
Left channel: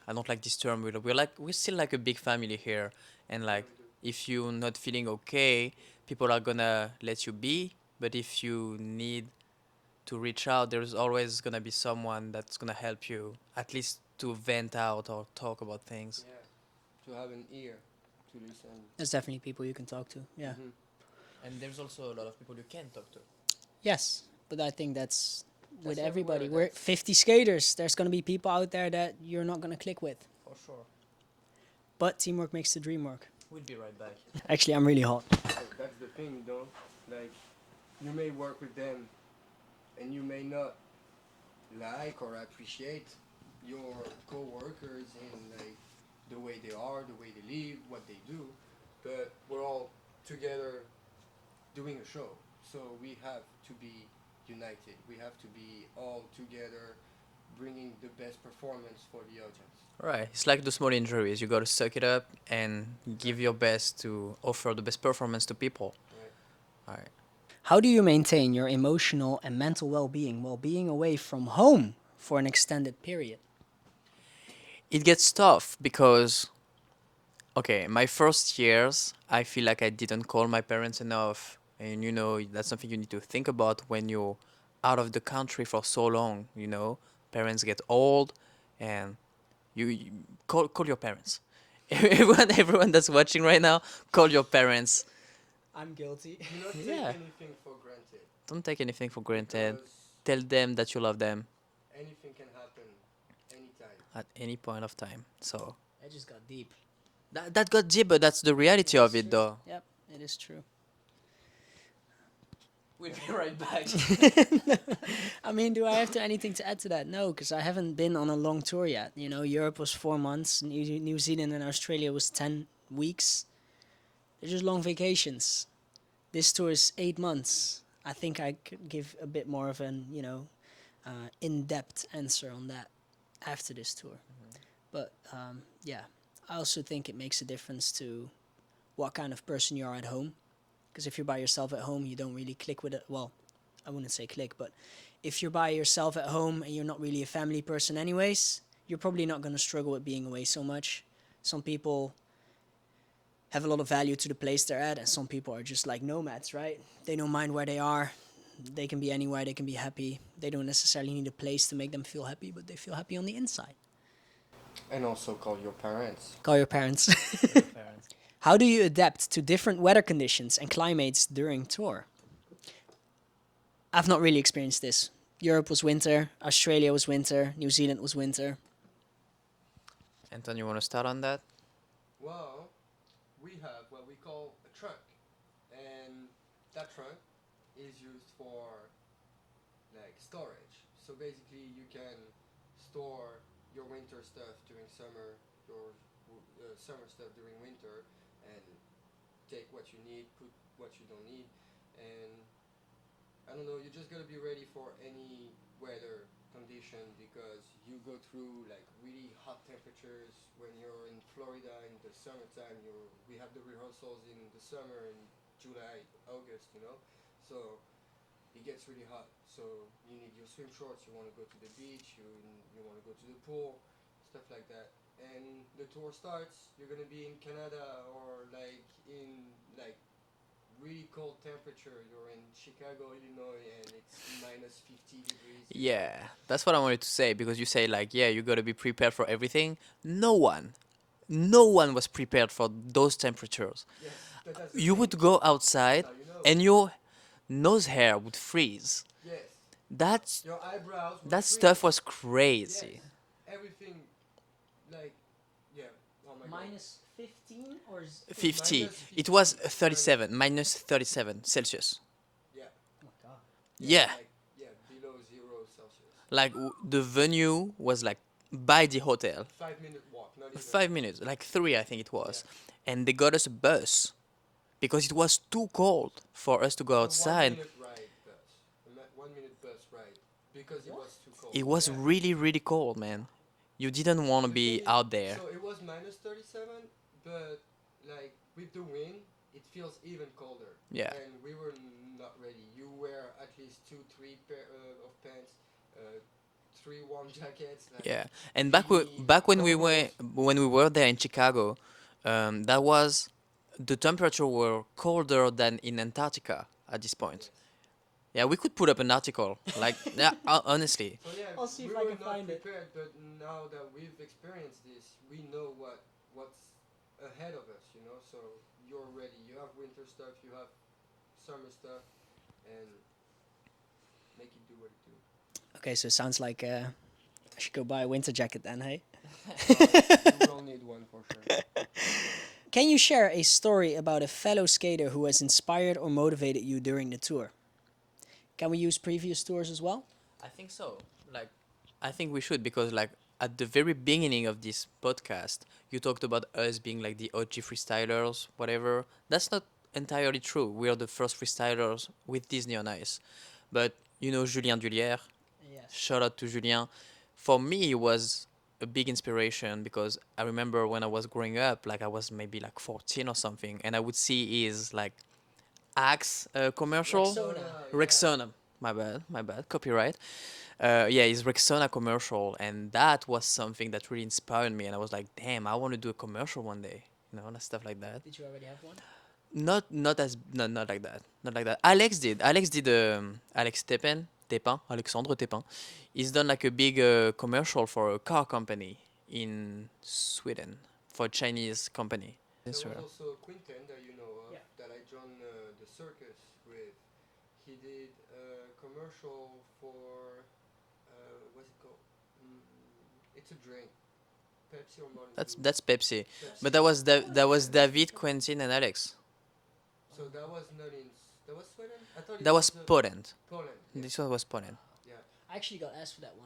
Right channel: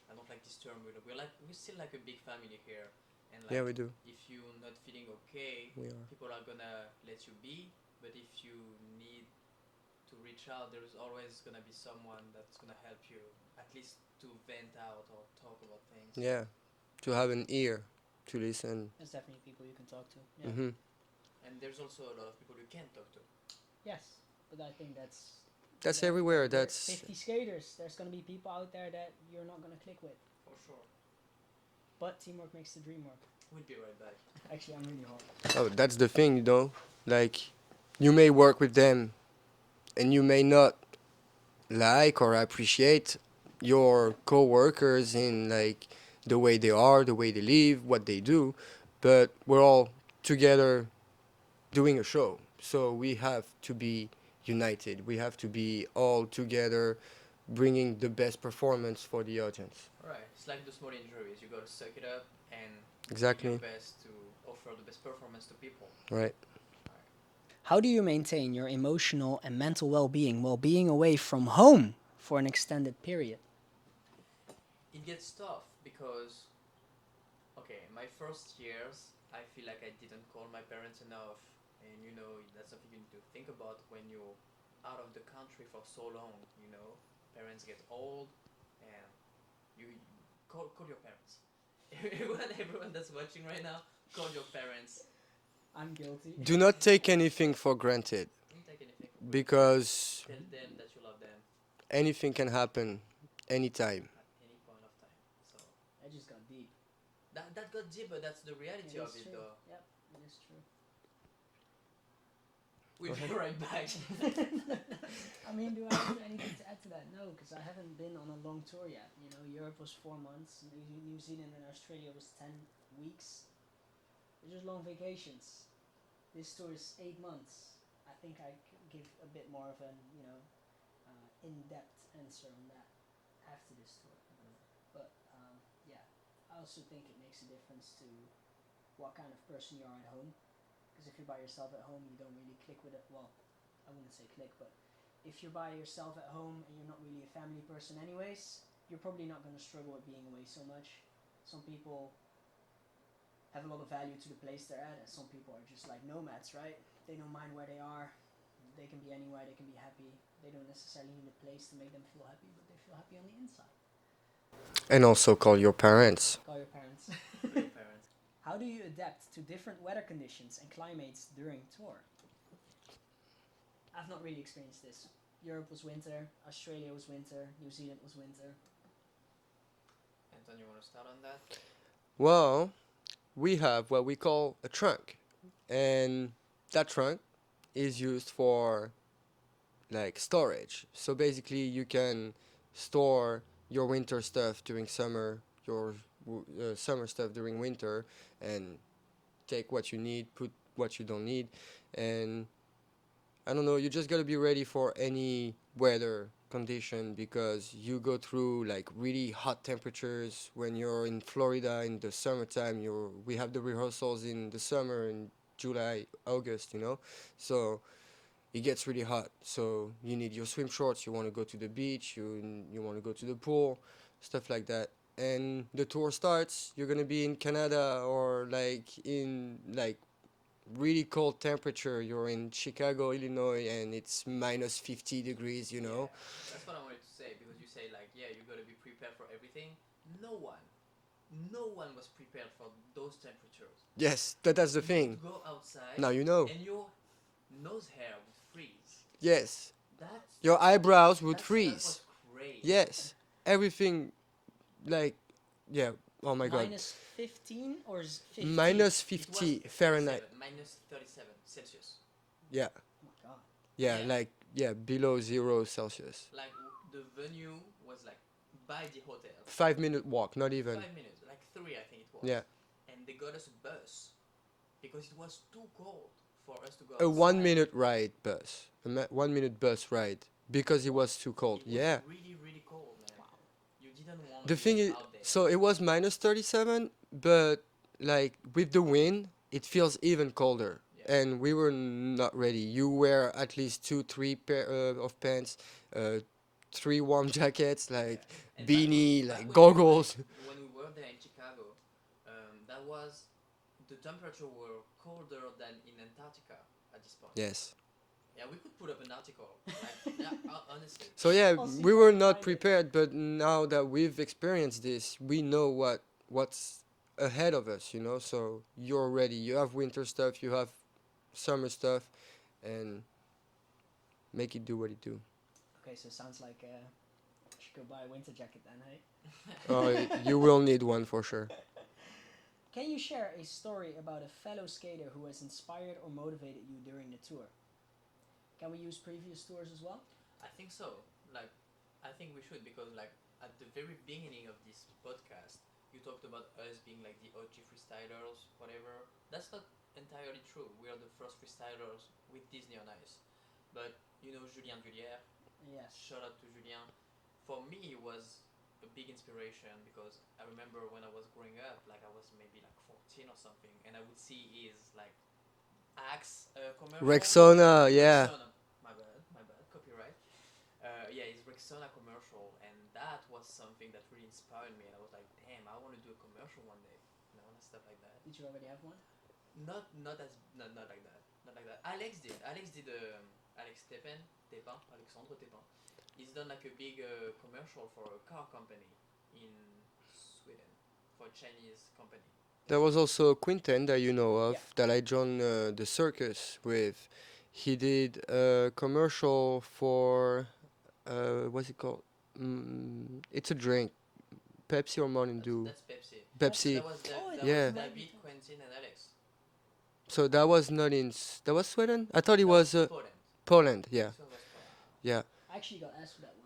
I don't like this term. We're still like a big family here, and Yeah, like we do. if you're not feeling okay, Yeah. people are gonna let you be. But if you need to reach out, there's always gonna be someone that's gonna help you, at least to vent out or talk about things. Yeah, to have an ear to listen. There's definitely people you can talk to. Yeah. Hmm. And there's also a lot of people you can talk to. Yes, but I think that's That's with everybody. everywhere. We're That's 50 skaters. There's going to be people out there that you're not going to click with. For sure. But teamwork makes the dream work. We'll be right back. Actually, I'm really hot. oh, that's the thing, Like, you may work with them, and you may not like or appreciate your co-workers in like the way they are, the way they live, what they do, but we're all together doing a show. So we have to be united. We have to be all together bringing the best performance for the audience. Right. It's like the small injuries. You gotta suck it up and give your Exactly. best to offer the best performance to people. Right. Right. How do you maintain your emotional and mental well-being while being away from home for an extended period? It gets tough because, okay, my first years, I feel like I didn't call my parents enough. And, that's something you need to think about when you're out of the country for so long. Parents get old and you call your parents. Everyone that's watching right now, call your parents. I'm guilty. Do not take Yeah. anything for granted Don't take anything for granted. because Tell them that you love them anything can happen anytime. at any point of time. So That just got deep. that got deep, but that's the reality of it, though. Yep, it is true. We'll be right back. I mean, do I have anything to add to that? No, because I haven't been on a long tour yet. Europe was 4 months, New Zealand and Australia was 10 weeks. They're just long vacations. This tour is 8 months. I think I could give a bit more of an, in-depth answer on that after this tour. But yeah, I also think it makes a difference to what kind of person you are at home. Because if you're by yourself at home, you don't really click with it. Well, I wouldn't say click, but if you're by yourself at home and you're not really a family person anyways, you're probably not going to struggle with being away so much. Some people have a lot of value to the place they're at, and some people are just like nomads, right? They don't mind where they are. They can be anywhere, they can be happy. They don't necessarily need a place to make them feel happy, but they feel happy on the inside. And also call your parents. Call your parents. How do you adapt to different weather conditions and climates during tour? I've not really experienced this. Europe was winter, Australia was winter, New Zealand was winter. Anton, you want to start on that? Well, we have what we call a trunk. And that trunk is used for like storage. So basically you can store your winter stuff during summer, your summer stuff during winter, and take what you need, put what you don't need, and I don't know, you just gotta be ready for any weather condition because you go through like really hot temperatures when you're in Florida in the summertime. We have the rehearsals in the summer in July, August, so it gets really hot. So you need your swim shorts. You want to go to the beach. You want to go to the pool, stuff like that. and the tour starts, you're gonna be in Canada or like in like really cold temperature. You're in Chicago, Illinois, and it's minus 50 degrees. You know. Yeah, that's what I wanted to say because you say like, yeah, you gotta be prepared for everything. No one was prepared for those temperatures. Yes, that's the You thing. would go outside Now you know. and your nose hair would freeze. Yes, That's your eyebrows would that freeze. stuff was crazy. Yes, everything, like, yeah. Oh my God. Minus 15 or 50. Minus It was 50 37, minus 37 Celsius. Yeah, God. yeah, Yeah. like below 0 Celsius. Like the venue was like by the hotel. 5 minute walk, not even. 5 minutes, like three, I think it was. Yeah. And they got us a bus because it was too cold for us to go A outside. 1 minute ride bus. 1 minute bus ride because it was too cold. It was Yeah. really, really cold, man. You didn't want to The thing be is- out there. So it was minus 37, but like with the wind, it feels even colder. Yeah. And we were not ready. You wear at least 2, 3 pair of pants, 3 warm jackets, like Yeah, and beanie, back like goggles. when we were there in Chicago, that was the temperature were colder than in Antarctica at this point. Yes. Yeah, we could put up an article. Like, yeah, honestly, So yeah, I'll see we if I were can not find it. prepared, but now that we've experienced this, we know what's ahead of us, you know. So you're ready. You have winter stuff, you have summer stuff, and make it do what it do. Okay, so it sounds like I should go buy a winter jacket then, hey? Oh, you will need one for sure. Can you share a story about a fellow skater who has inspired or motivated you during the tour? Can we use previous tours as well? I think so. Like, I think we should because like at the very beginning of this podcast, you talked about us being like the OG freestylers, whatever. That's not entirely true. We are the first freestylers with Disney on Ice, but you know Julien Dullière. Yes. Shout out to Julien. For me, it was a big inspiration because I remember when I was growing up, like I was maybe like 14 or something, and I would see his like Axe commercial. Rexona, yeah. Rexona. My bad. Copyright. Yeah, his Rexona commercial, and that was something that really inspired me. And I was like, damn, I want to do a commercial one day. You know, and stuff like that. Did you already have one? Not like that. Not like that. Alex did. Alex Tepin, Alexandre Tepin. He's done like a big commercial for a car company in Sweden for a Chinese company. There was also Quinten that you know of Yeah. that I joined the circus with. He did a commercial for what's it called? It's a drink, Pepsi or Mountain Dew. That's Pepsi. Pepsi. But that was Yeah. David, Quentin, and Alex. So that was not in. That was Sweden. I thought it That was was Poland. Poland. Yeah, This one was Poland. yeah. I actually got asked for that one.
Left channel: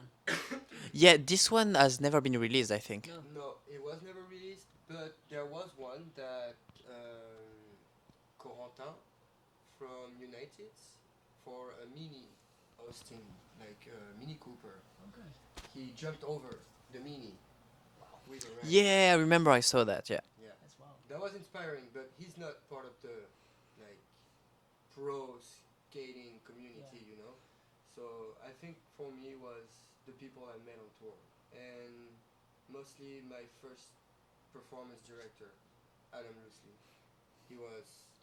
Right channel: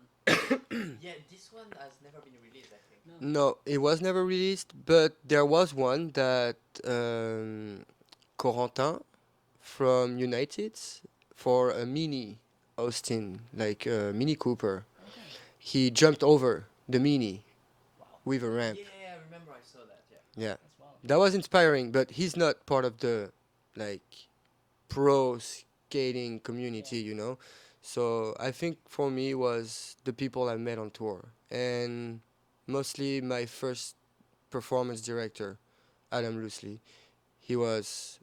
Yeah, this one has never been released, I think. No, it was never released, but there was one that Corentin from United for a mini Austin, like a Mini Cooper. He jumped over the Mini with a ramp. Yeah, I remember I saw that. Yeah. Yeah. That's wild. That was inspiring, but he's not part of the like pro skating community, you know. So I think for me was the people I met on tour, and mostly my first performance director, Adam Loosely. He was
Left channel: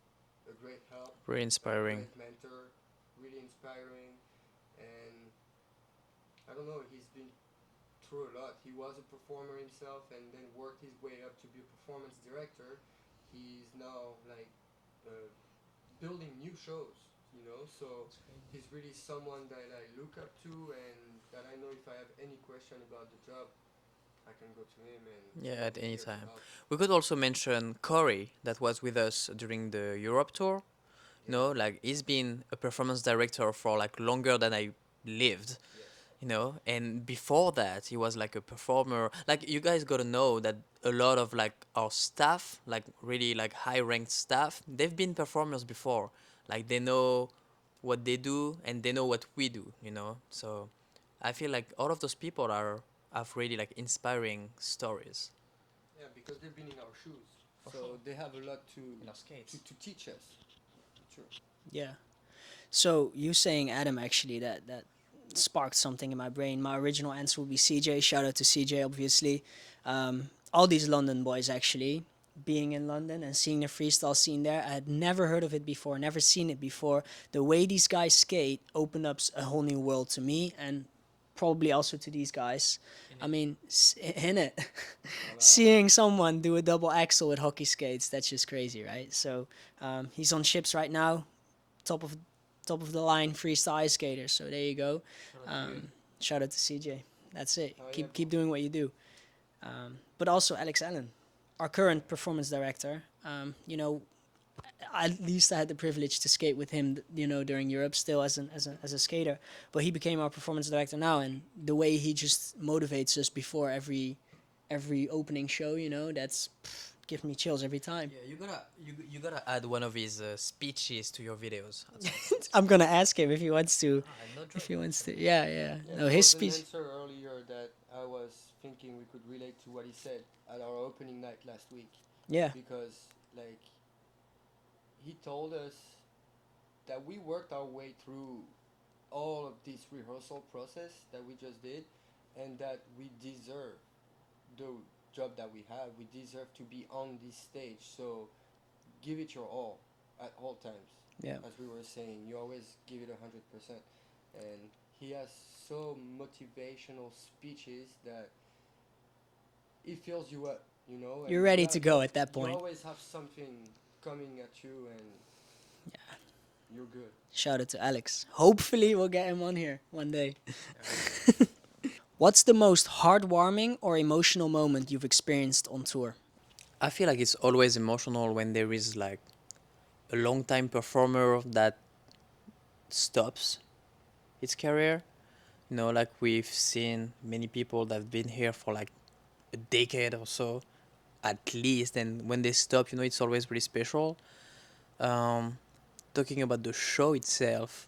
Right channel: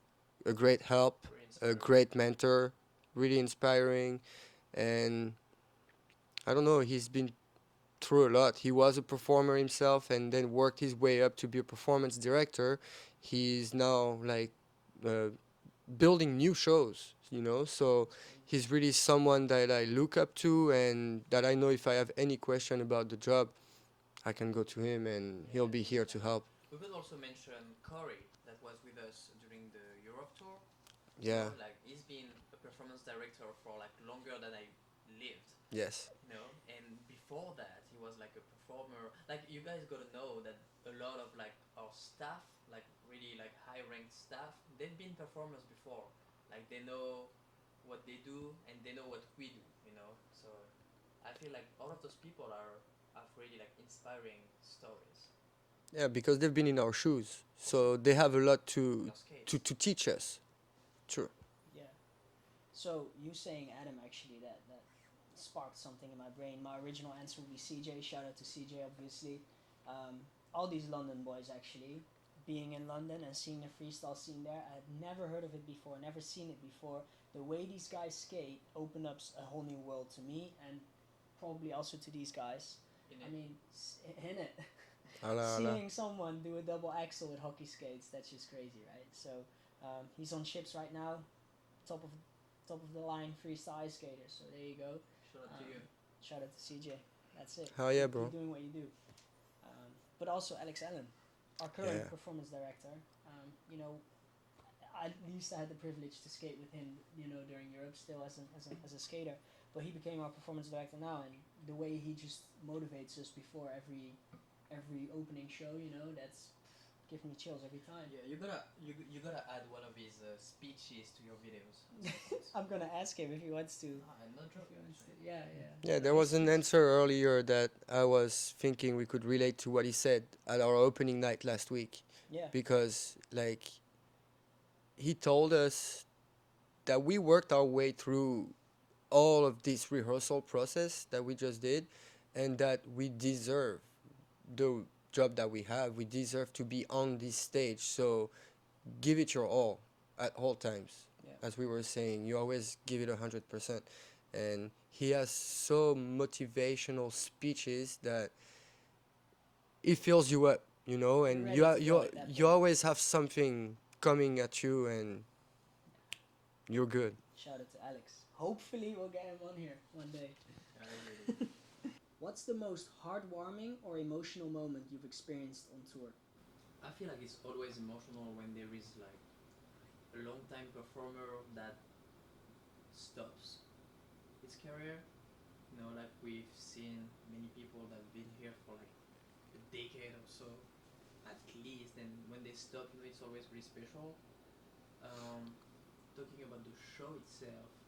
a great help, Pretty a inspiring. great mentor, really inspiring, and I don't know, he's been through a lot. He was a performer himself and then worked his way up to be a performance director. He's now like building new shows, you know, so he's really someone that I look up to and that I know if I have any question about the job, I can go to him and Yeah, he'll at be any here to time. help. We could also mention Corey that was with us during the Europe tour. Yeah. You know, like he's been a performance director for like longer than I lived. Yes. You know, and before that he was like a performer. Like you guys got to know that a lot of like our staff, like really like high ranked staff, they've been performers before. Like they know what they do and they know what we do, you know. So I feel like all of those people have really like inspiring stories. Yeah, because they've been in our shoes. So they have a lot to teach us. True. Yeah. So you saying Adam actually that sparked something in my brain. My original answer would be CJ. Shout out to CJ, obviously. all these London boys actually, being in London and seeing the freestyle scene there. I had never heard of it before, never seen it before. The way these guys skate opened up a whole new world to me, and probably also to these guys. I mean, in it, Hala, hala. seeing someone do a double axel with hockey skates, that's just crazy, right? So he's on ships right now, top of the line freestyle ice skater. So there you go. Shout out to CJ. That's it. Hell yeah, Keep bro. doing what you do. But also Alex Allen, our current Yeah. performance director. You know, at least I had the privilege to skate with him, you know, during Europe, still as a skater. But he became our performance director now, and the way he just motivates us before every opening show, you know, that's give me chills every time. Yeah, you gotta add one of his speeches to your videos. I'm gonna ask him if he wants to. I'm not If he wants to, yeah, yeah. Yeah, No, there his was an speech. answer earlier that I was thinking we could relate to what he said at our opening night last week. Yeah, Because, like, he told us that we worked our way through all of this rehearsal process that we just did, and that we deserve the job that we have. We deserve to be on this stage. So give it your all at all times. yeah. As we were saying, you always give it 100%. And he has so motivational speeches that it fills you up, you know. And You're ready to go you, at that You point. always have something coming at you, and you're good. Shout out to Alex. Hopefully, we'll get him on here one day. What's the most heartwarming or emotional moment you've experienced on tour? I feel like it's always emotional when there is like a long time performer that stops its career. You know, like we've seen many people that have been here for like a decade or so, at least, and when they stop, you know, it's always really special. Um, Talking about the show itself,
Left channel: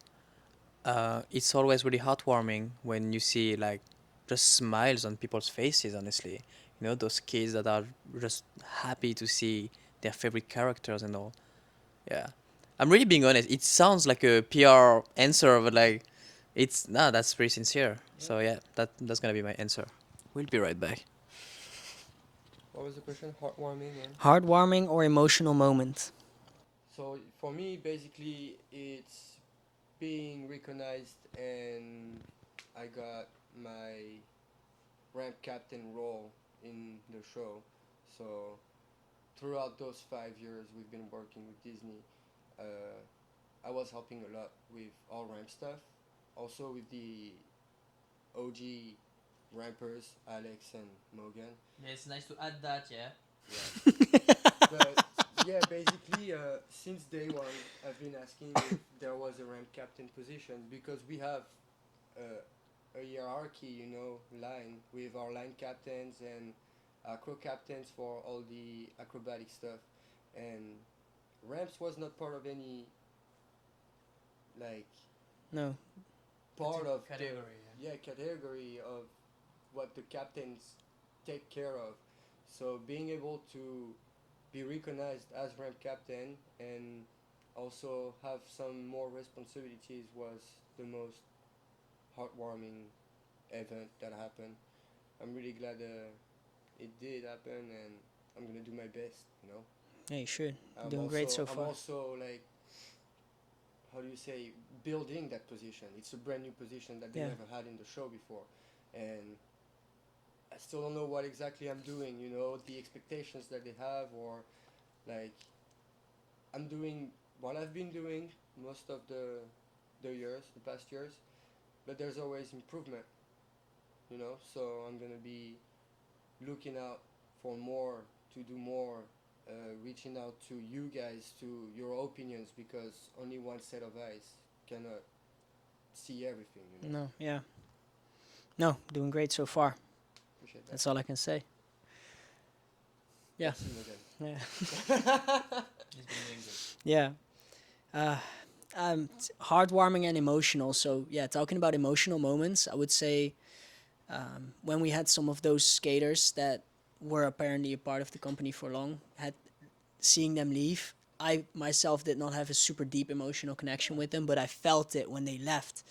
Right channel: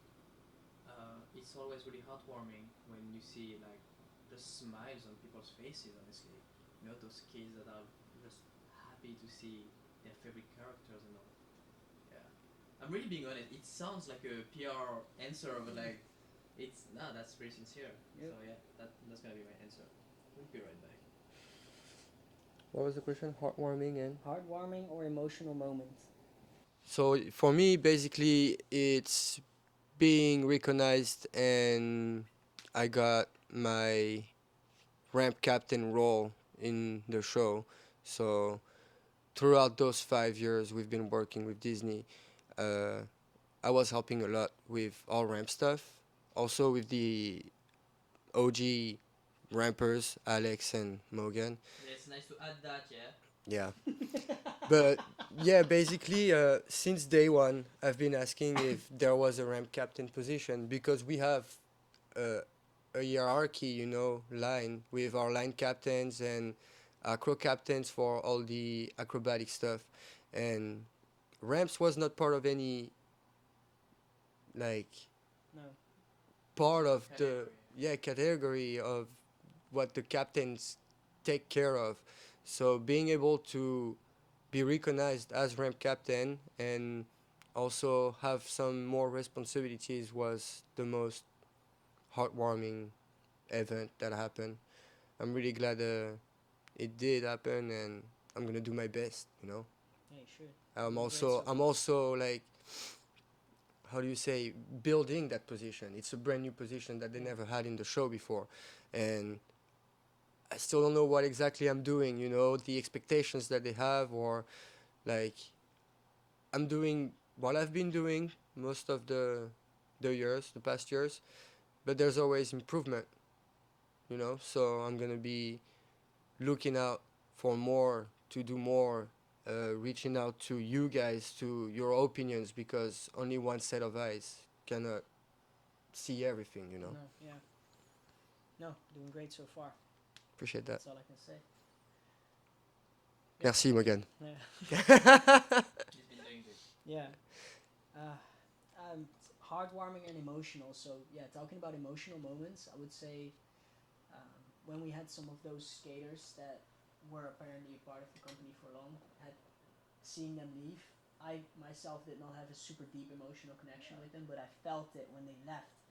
it's always really heartwarming when you see like just smiles on people's faces. Honestly, you know, those kids that are just happy to see their favorite characters and all. Yeah, I'm really being honest. It sounds like a PR answer, but like, it's no, that's pretty sincere. So yeah, that's gonna be my answer. We'll be right back. What was the question? Heartwarming and. Heartwarming or emotional moment? So for me, basically, it's being recognized, and I got my ramp captain role in the show. So throughout those 5 years we've been working with Disney, I was helping a lot with all ramp stuff, also with the OG rampers, Alex and Maugan. Yeah, it's nice to add that. Yeah. Yeah. But yeah, basically, since day one, I've been asking if there was a ramp captain position, because we have a hierarchy, you know, line with our line captains and acro captains for all the acrobatic stuff, and ramps was not part of any, like, No. part of Category, the category of what the captains take care of. So being able to be recognized as ramp captain and also have some more responsibilities was the most heartwarming event that happened. I'm really glad it did happen, and I'm gonna do my best. You know, Yeah, you should. I'm Doing also great so I'm far. also like, how do you say, building that position. It's a brand new position that they Yeah. never had in the show before, and I still don't know what exactly I'm doing. You know, the expectations that they have, or like, I'm doing what I've been doing most of the past years, but there's always improvement. You know, so I'm gonna be looking out for more, to do more, reaching out to you guys, to your opinions, because only one set of eyes cannot see everything. You know, No, yeah. No, doing great so far. appreciate that. That's all I can say. Yeah. Merci again. Yeah. Yeah. Heartwarming and emotional. So yeah, talking about emotional moments, I would say when we had some of those skaters that were apparently a part of the company for long, had seeing them leave. I myself did not have a super deep emotional connection with them, but I felt it when they left.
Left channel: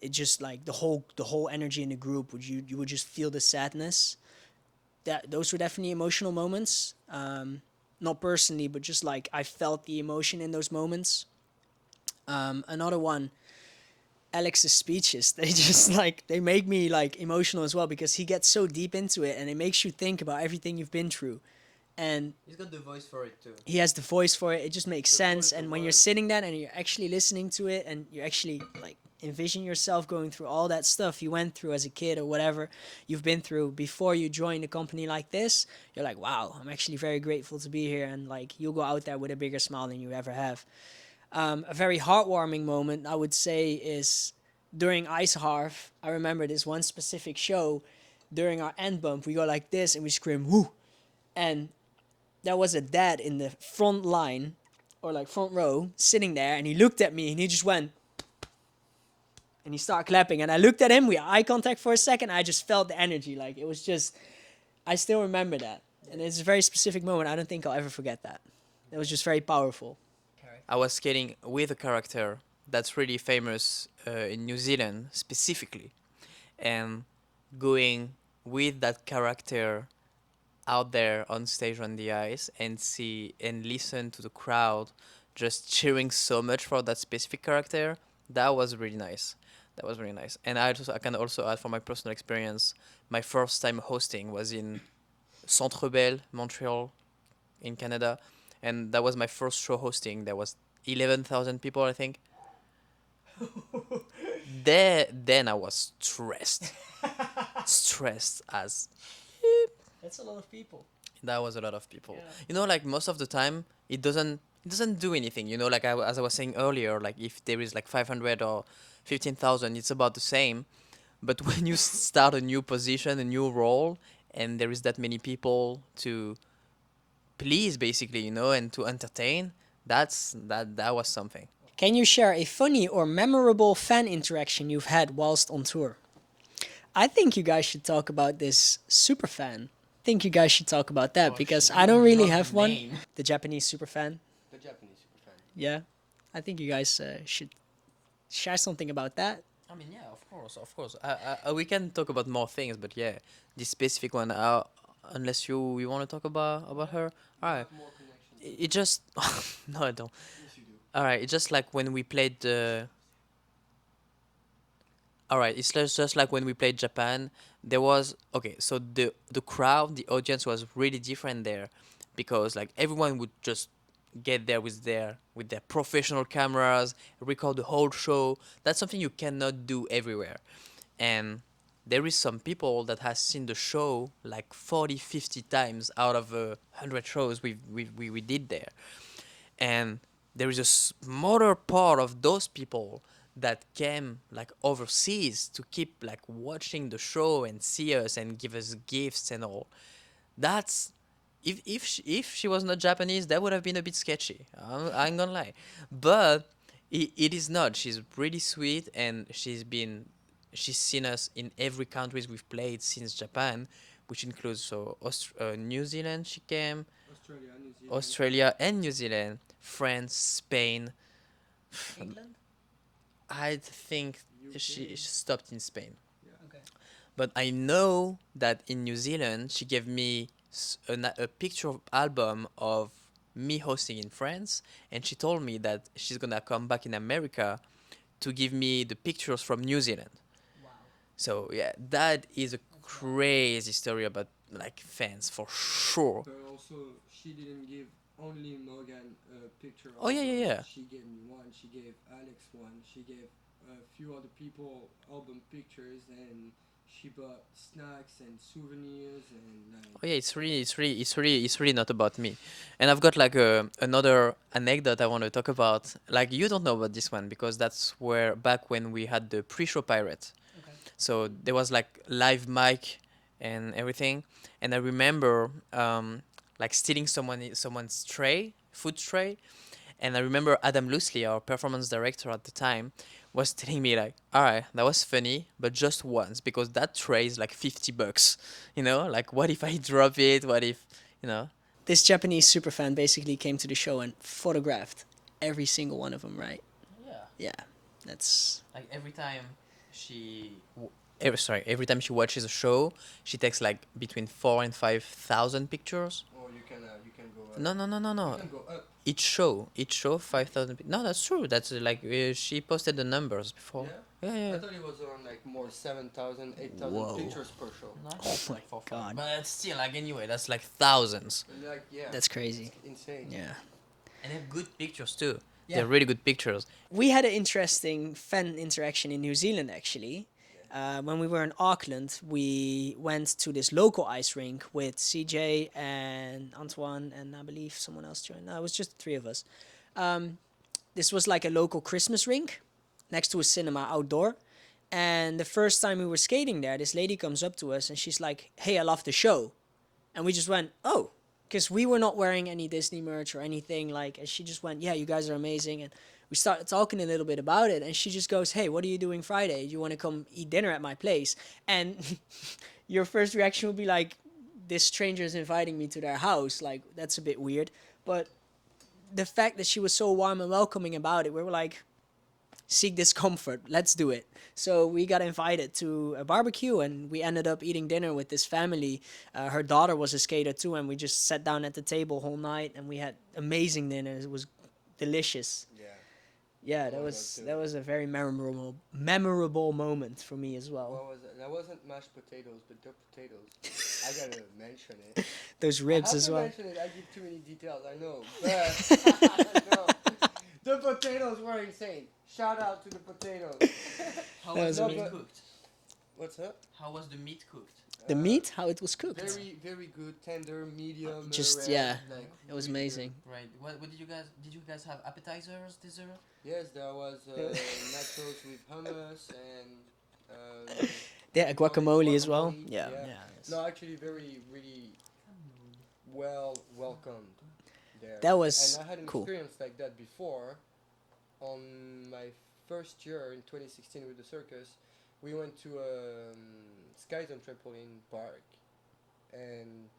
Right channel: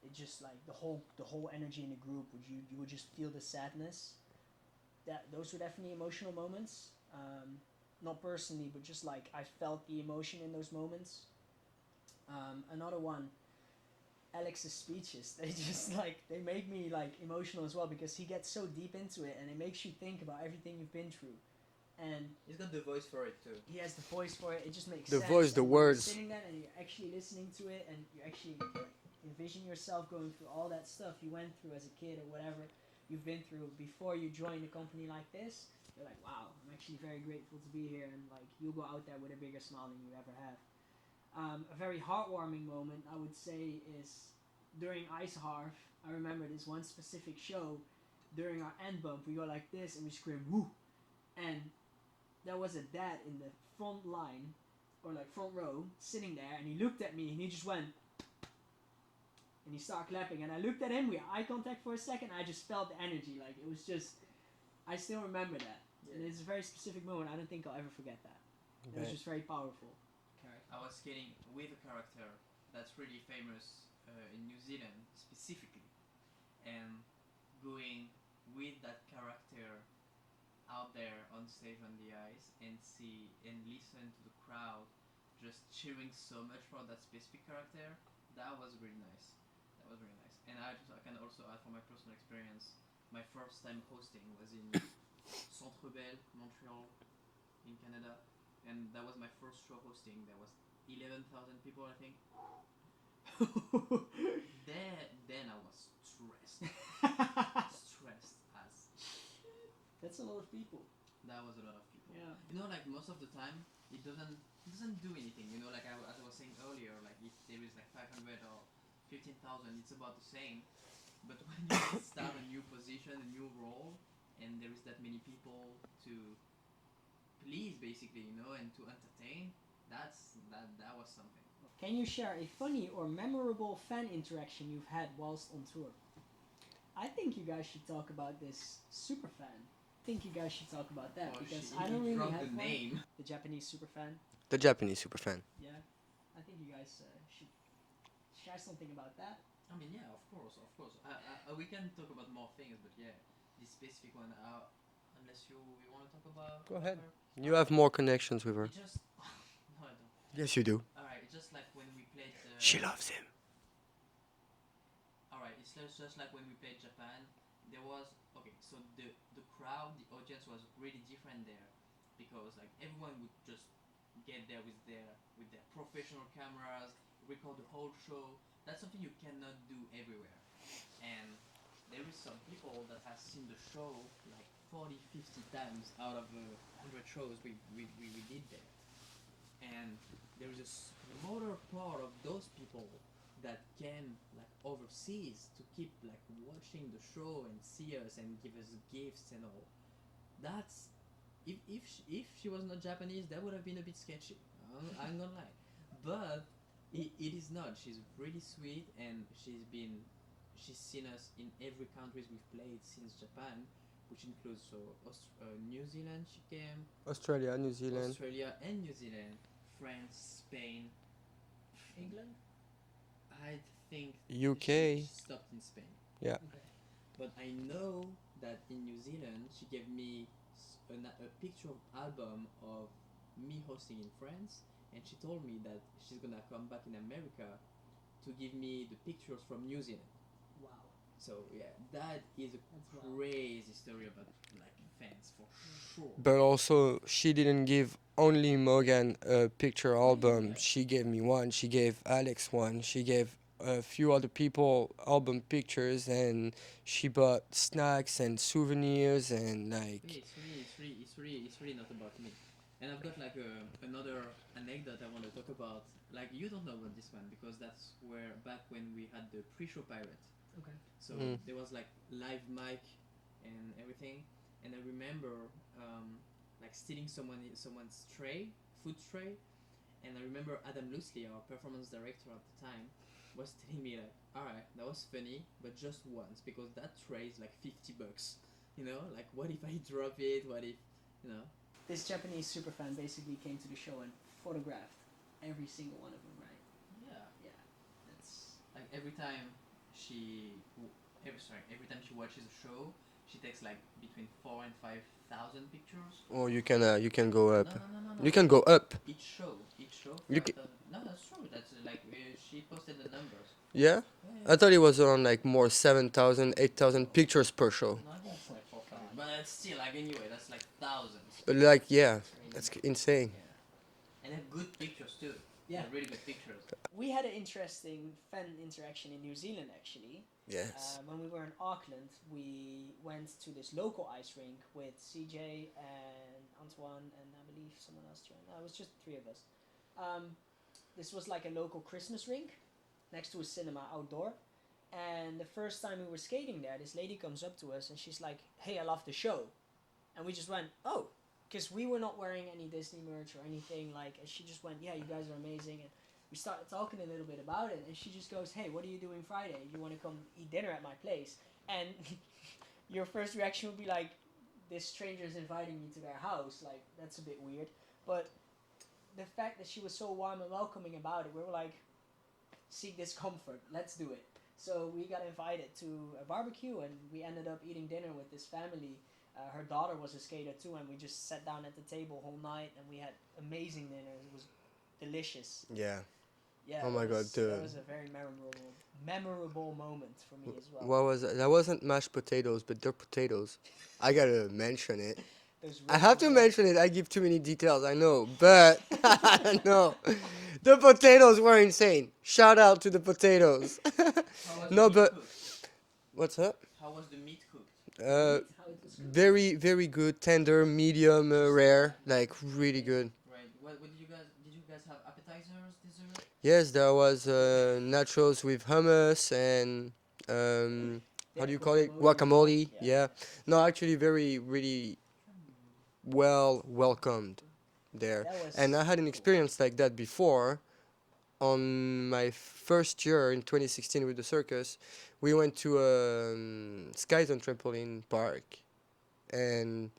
It just like the whole energy in the group. You would just feel the sadness, those were definitely emotional moments. Not personally, but just like I felt the emotion in those moments. Another one, Alex's speeches. They just like they make me like emotional as well because he gets so deep into it and it makes you think about everything you've been through. And He's got the voice for it too. he has the voice for it. It just makes The sense. voice, the And when you're words. sitting there and you're actually listening to it and you actually like envision yourself going through all that stuff you went through as a kid or whatever you've been through before you join a company like this, you're like, wow, I'm actually very grateful to be here. And like you'll go out there with a bigger smile than you ever have. A very heartwarming moment, I would say, is during Ice Harv. I remember this one specific show. During our end bump, we go like this and we scream, woo! And there was a dad in the front line, or like front row, sitting there, and he looked at me and he just went, and he started clapping. And I looked at him, we had eye contact for a second. I just felt the energy. Like it was just, I still remember that. And it's a very specific moment. I don't think I'll ever forget that. It was just very powerful. I was skating with a character that's really famous in New Zealand specifically, and going with that character out there on stage on the ice and see and listen to the crowd just cheering so much for that specific character. That was really nice. That was really nice. And I can also add from my personal experience, my first time hosting was in Centre Bell, Montreal, in Canada, and that was my first show hosting. There was 11,000 people, I think. Then I was stressed, stressed as That's a lot of people. that was a lot of people. Yeah. You know, like most of the time, it doesn't do anything. You know, like as I was saying earlier, like if there is like 500 or 15,000, it's about the same. But when you start a new position, a new role, and there is that many people to please, basically, you know, and to entertain, that was something. Can you share a funny or memorable fan interaction you've had whilst on tour? I think you guys should talk about this super fan. I think you guys should talk about that because I don't really have one. The Japanese super fan. The Japanese super fan. Yeah. I think you guys should share something about that. I mean, yeah, of course. We can talk about more things, but yeah, this specific one. Unless you want to talk about ahead. her. You Alright. have more connections with her. It just no, I don't. Yes, you do. All right, it's just like when we played. She loves him. All right, it's just like when we played Japan. There was okay, so the crowd, the audience was really different there, because like everyone would just get there with their professional cameras, record the whole show. That's something you cannot do everywhere, and there is some people that has seen the show like 40, 50 times out of 100 shows we did there, and there is a smaller part of those people that came like overseas to keep like watching the show and see us and give us gifts and all. That's if she was not Japanese, that would have been a bit sketchy. I ain't gonna lie, but it is not. She's really sweet, and she's seen us in every countries we've played since Japan, which includes New Zealand. She came Australia, New Zealand. Australia and New Zealand, France, Spain. England? I think UK. she stopped in Spain. Yeah. But I know that in New Zealand, she gave me a picture album of me hosting in France, and she told me that she's gonna come back in America to give me the pictures from New Zealand. Wow. So yeah, that is a crazy story about like fans for sure. But also, she didn't give only Maugan a picture Oh, yeah, album. yeah, yeah. She gave me one. She gave Alex one. She gave a few other people album pictures, and she bought snacks and souvenirs and like. Oh yeah, it's really not about me. And I've got like another anecdote I want to talk about. Like you don't know about this one because that's where back when we had the pre-show pirate. Okay. So Mm. there was like live mic and everything. And I remember like stealing someone's food tray. And I remember Adam Loosely, our performance director at the time, was telling me like, all right, that was funny, but just once, because that tray is like $50. You know, like what if I drop it? What if, you know? This Japanese superfan basically came to the show and photographed every single one of them, right? Yeah. Yeah, that's Like every time every time she watches a show, she takes like between 4 and 5,000 pictures. Or you can go up. No, no, no, no, no. You can go up. Each show, 5,000. No, that's true. That's she posted the numbers before. Yeah? Yeah, I thought it was on like more 7,000, 8,000 Whoa. pictures per show. Oh my god. But it's still like anyway, that's like thousands. But like, yeah. That's crazy. That's insane. Yeah. And they have good pictures too. Yeah. They're really good pictures. We had an interesting fan interaction in New Zealand actually. Yes. When we were in Auckland, we went to this local ice rink with CJ and Antoine and I believe someone else joined. No, it was just the three of us. This was like a local Christmas rink next to a cinema outdoor. And the first time we were skating there, this lady comes up to us and she's like, "Hey, I love the show." And we just went, "Oh," because we were not wearing any Disney merch or anything. Like, and she just went, "Yeah, you guys are amazing." And we started talking a little bit about it, and she just goes, "Hey, what are you doing Friday? Do you want to come eat dinner at my place?" And your first reaction would be like, "This stranger is inviting me to their house. Like, that's a bit weird." But the fact that she was so warm and welcoming about it, we were like, "Seek discomfort. Let's do it." So we got invited to a barbecue, and we ended up eating dinner with this family. Her daughter was a skater too, and we just sat down at the table whole night, and we had amazing dinner. It was delicious. Yeah. Yeah, Oh my God, that dude. was a very memorable moment for me as well. What was it? That wasn't mashed potatoes, but they're potatoes. I gotta mention it. Those I ribs have as to well. mention it. I give too many details, I know. But, no. The potatoes were insane. Shout out to the potatoes. No, but- What's up? How was the meat cooked? The meat, how it was cooked. Very, very good. Tender, medium, Just, rare. yeah, Like, it was really good. amazing. Right. What did you guys have appetizers, dessert? Yes, there was nachos with hummus and Yeah, what do you call it? guacamole as well. Guacamole, Yeah. yeah. No, actually, very really welcomed there. That was And I had an cool. experience like that before. On my first year in 2016 with the circus, we went to a Sky Zone trampoline park, and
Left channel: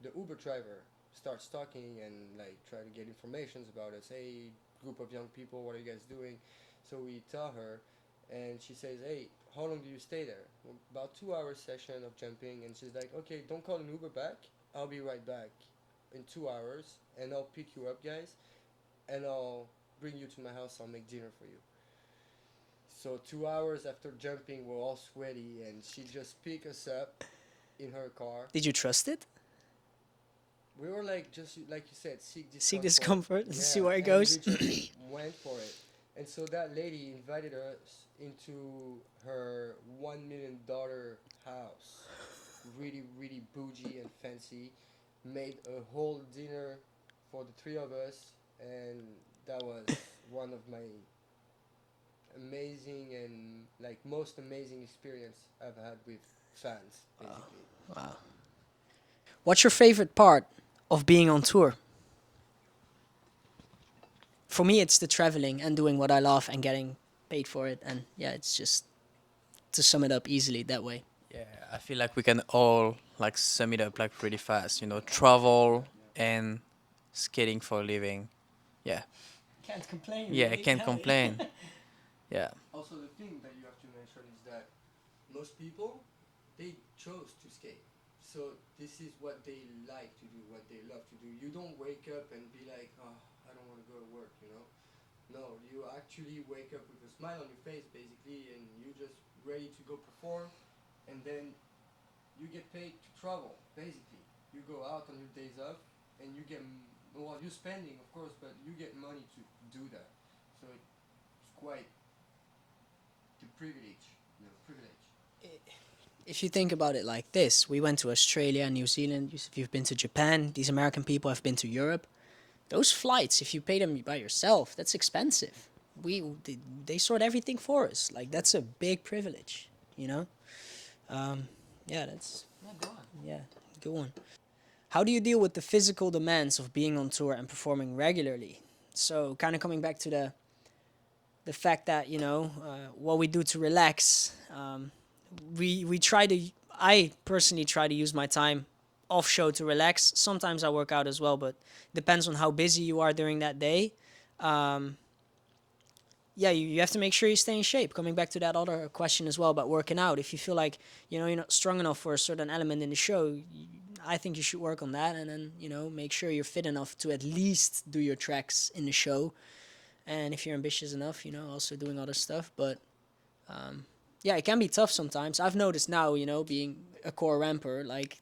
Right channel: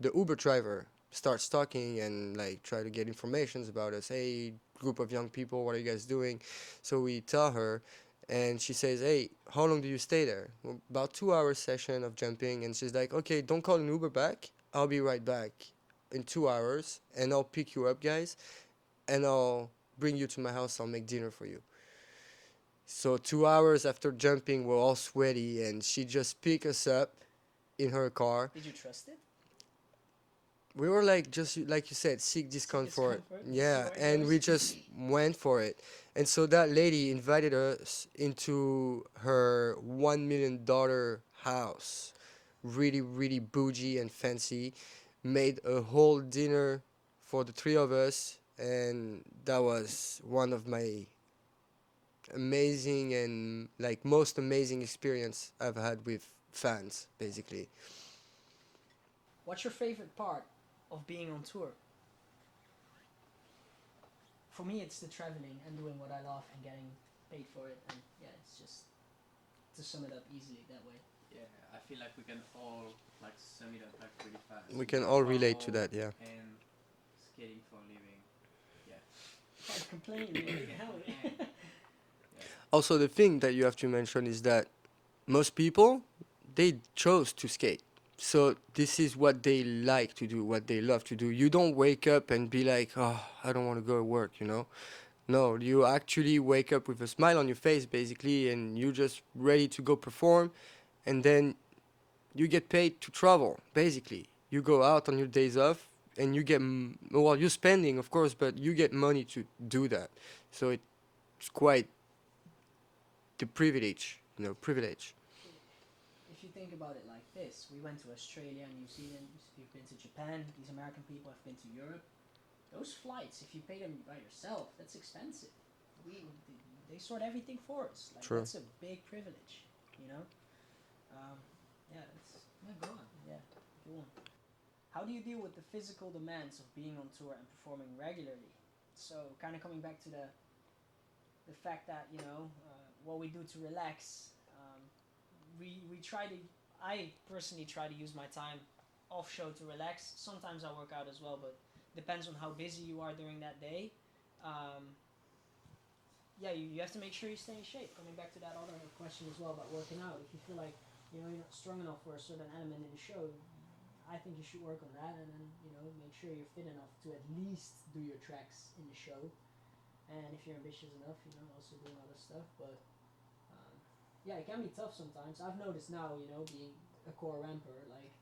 the Uber driver starts talking and like try to get informations about us. Hey, group of young people, what are you guys doing? So we tell her, and she says, "Hey, how long do you stay there?" Well, about 2 hour session of jumping, and she's like, "Okay, don't call an Uber back. I'll be right back in 2 hours, and I'll pick you up, guys, and I'll bring you to my house. I'll make dinner for you." So 2 hours after jumping, we're all sweaty, and she just picked us up in her car. Did you trust it? We were like, just like you said, seek discomfort. discomfort, Yeah, see where it and goes. we just went for it. And so that lady invited us into her $1 million house, really, really bougie and fancy. Made a whole dinner for the three of us, and that was one of my amazing and like most amazing experience I've had with fans, basically. What's your favorite part of being on tour? For me, it's the traveling and doing what I love and getting paid for it. And yeah, it's just to sum it up easily that way. Yeah, I feel like we can all like sum it up like really fast. We You can know, all relate to travel that, yeah. and skating for a living. Yeah, Can't complain. yeah, I can't complain. Yeah, Also, the thing that you have to mention is that most people, they chose to skate. So this is what they like to do, what they love to do. You don't wake up and be like, "Oh, I don't want to go to work," you know? No, you actually wake up with a smile on your face, basically, and you're just ready to go perform, and then you get paid to travel, basically. You go out on your days off, and you get, well, you're spending, of course, but you get money to do that. So it's quite the privilege, privilege. If you think about it like this, we went to Australia, New Zealand. You've been to Japan. These American people have been to Europe. Those flights, if you pay them by yourself, that's expensive. They sort everything for us. Like True. that's a big privilege, you know. Yeah, that's good one. How do you deal with the physical demands of being on tour and performing regularly? So, kind of coming back to the fact that what we do to relax. We try to. I personally try to use my time off show to relax. Sometimes I work out as well, but depends on how busy you are during that day. yeah, you have to make sure you stay in shape. Coming back to that other question as well about working out, if you feel like you're not strong enough for a certain element in the show, I think you should work on that, and then make sure you're fit enough to at least do your tracks in the show. And if you're ambitious enough, also doing other stuff. But yeah, it can be tough sometimes. I've noticed now, being a core ramper, like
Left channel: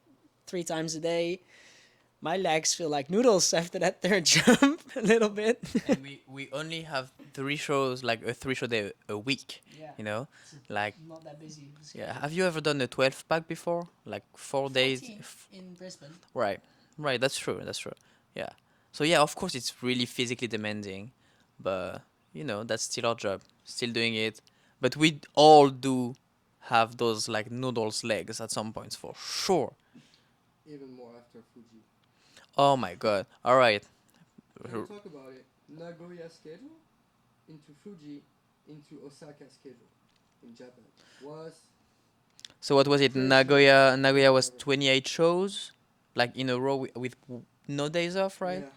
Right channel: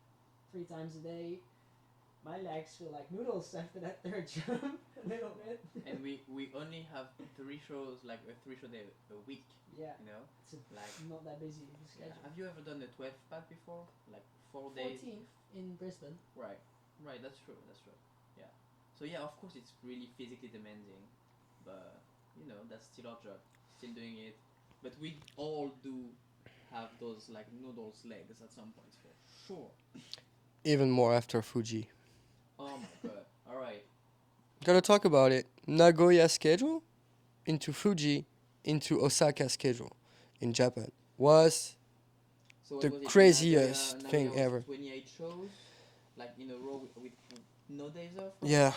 3 times a day, my legs feel like noodles after that third jump a little bit. And we only have 3 shows, like a 3 show day a week. Yeah, You know, it's like not that busy. yeah. Have you ever done a 12 pack before? Like 4 days. In Brisbane. Right, right. That's true. That's true. Yeah. So yeah, of course, it's really physically demanding, but that's still our job. Still doing it, but we all do have those like noodles legs at some points for sure. Even more after Fuji. Oh my god. All right. Gotta talk about it. Nagoya schedule into Fuji into Osaka schedule in Japan was So what the was it? craziest Nagoya thing was ever. 28 shows, like in a row with no days off, right? Yeah.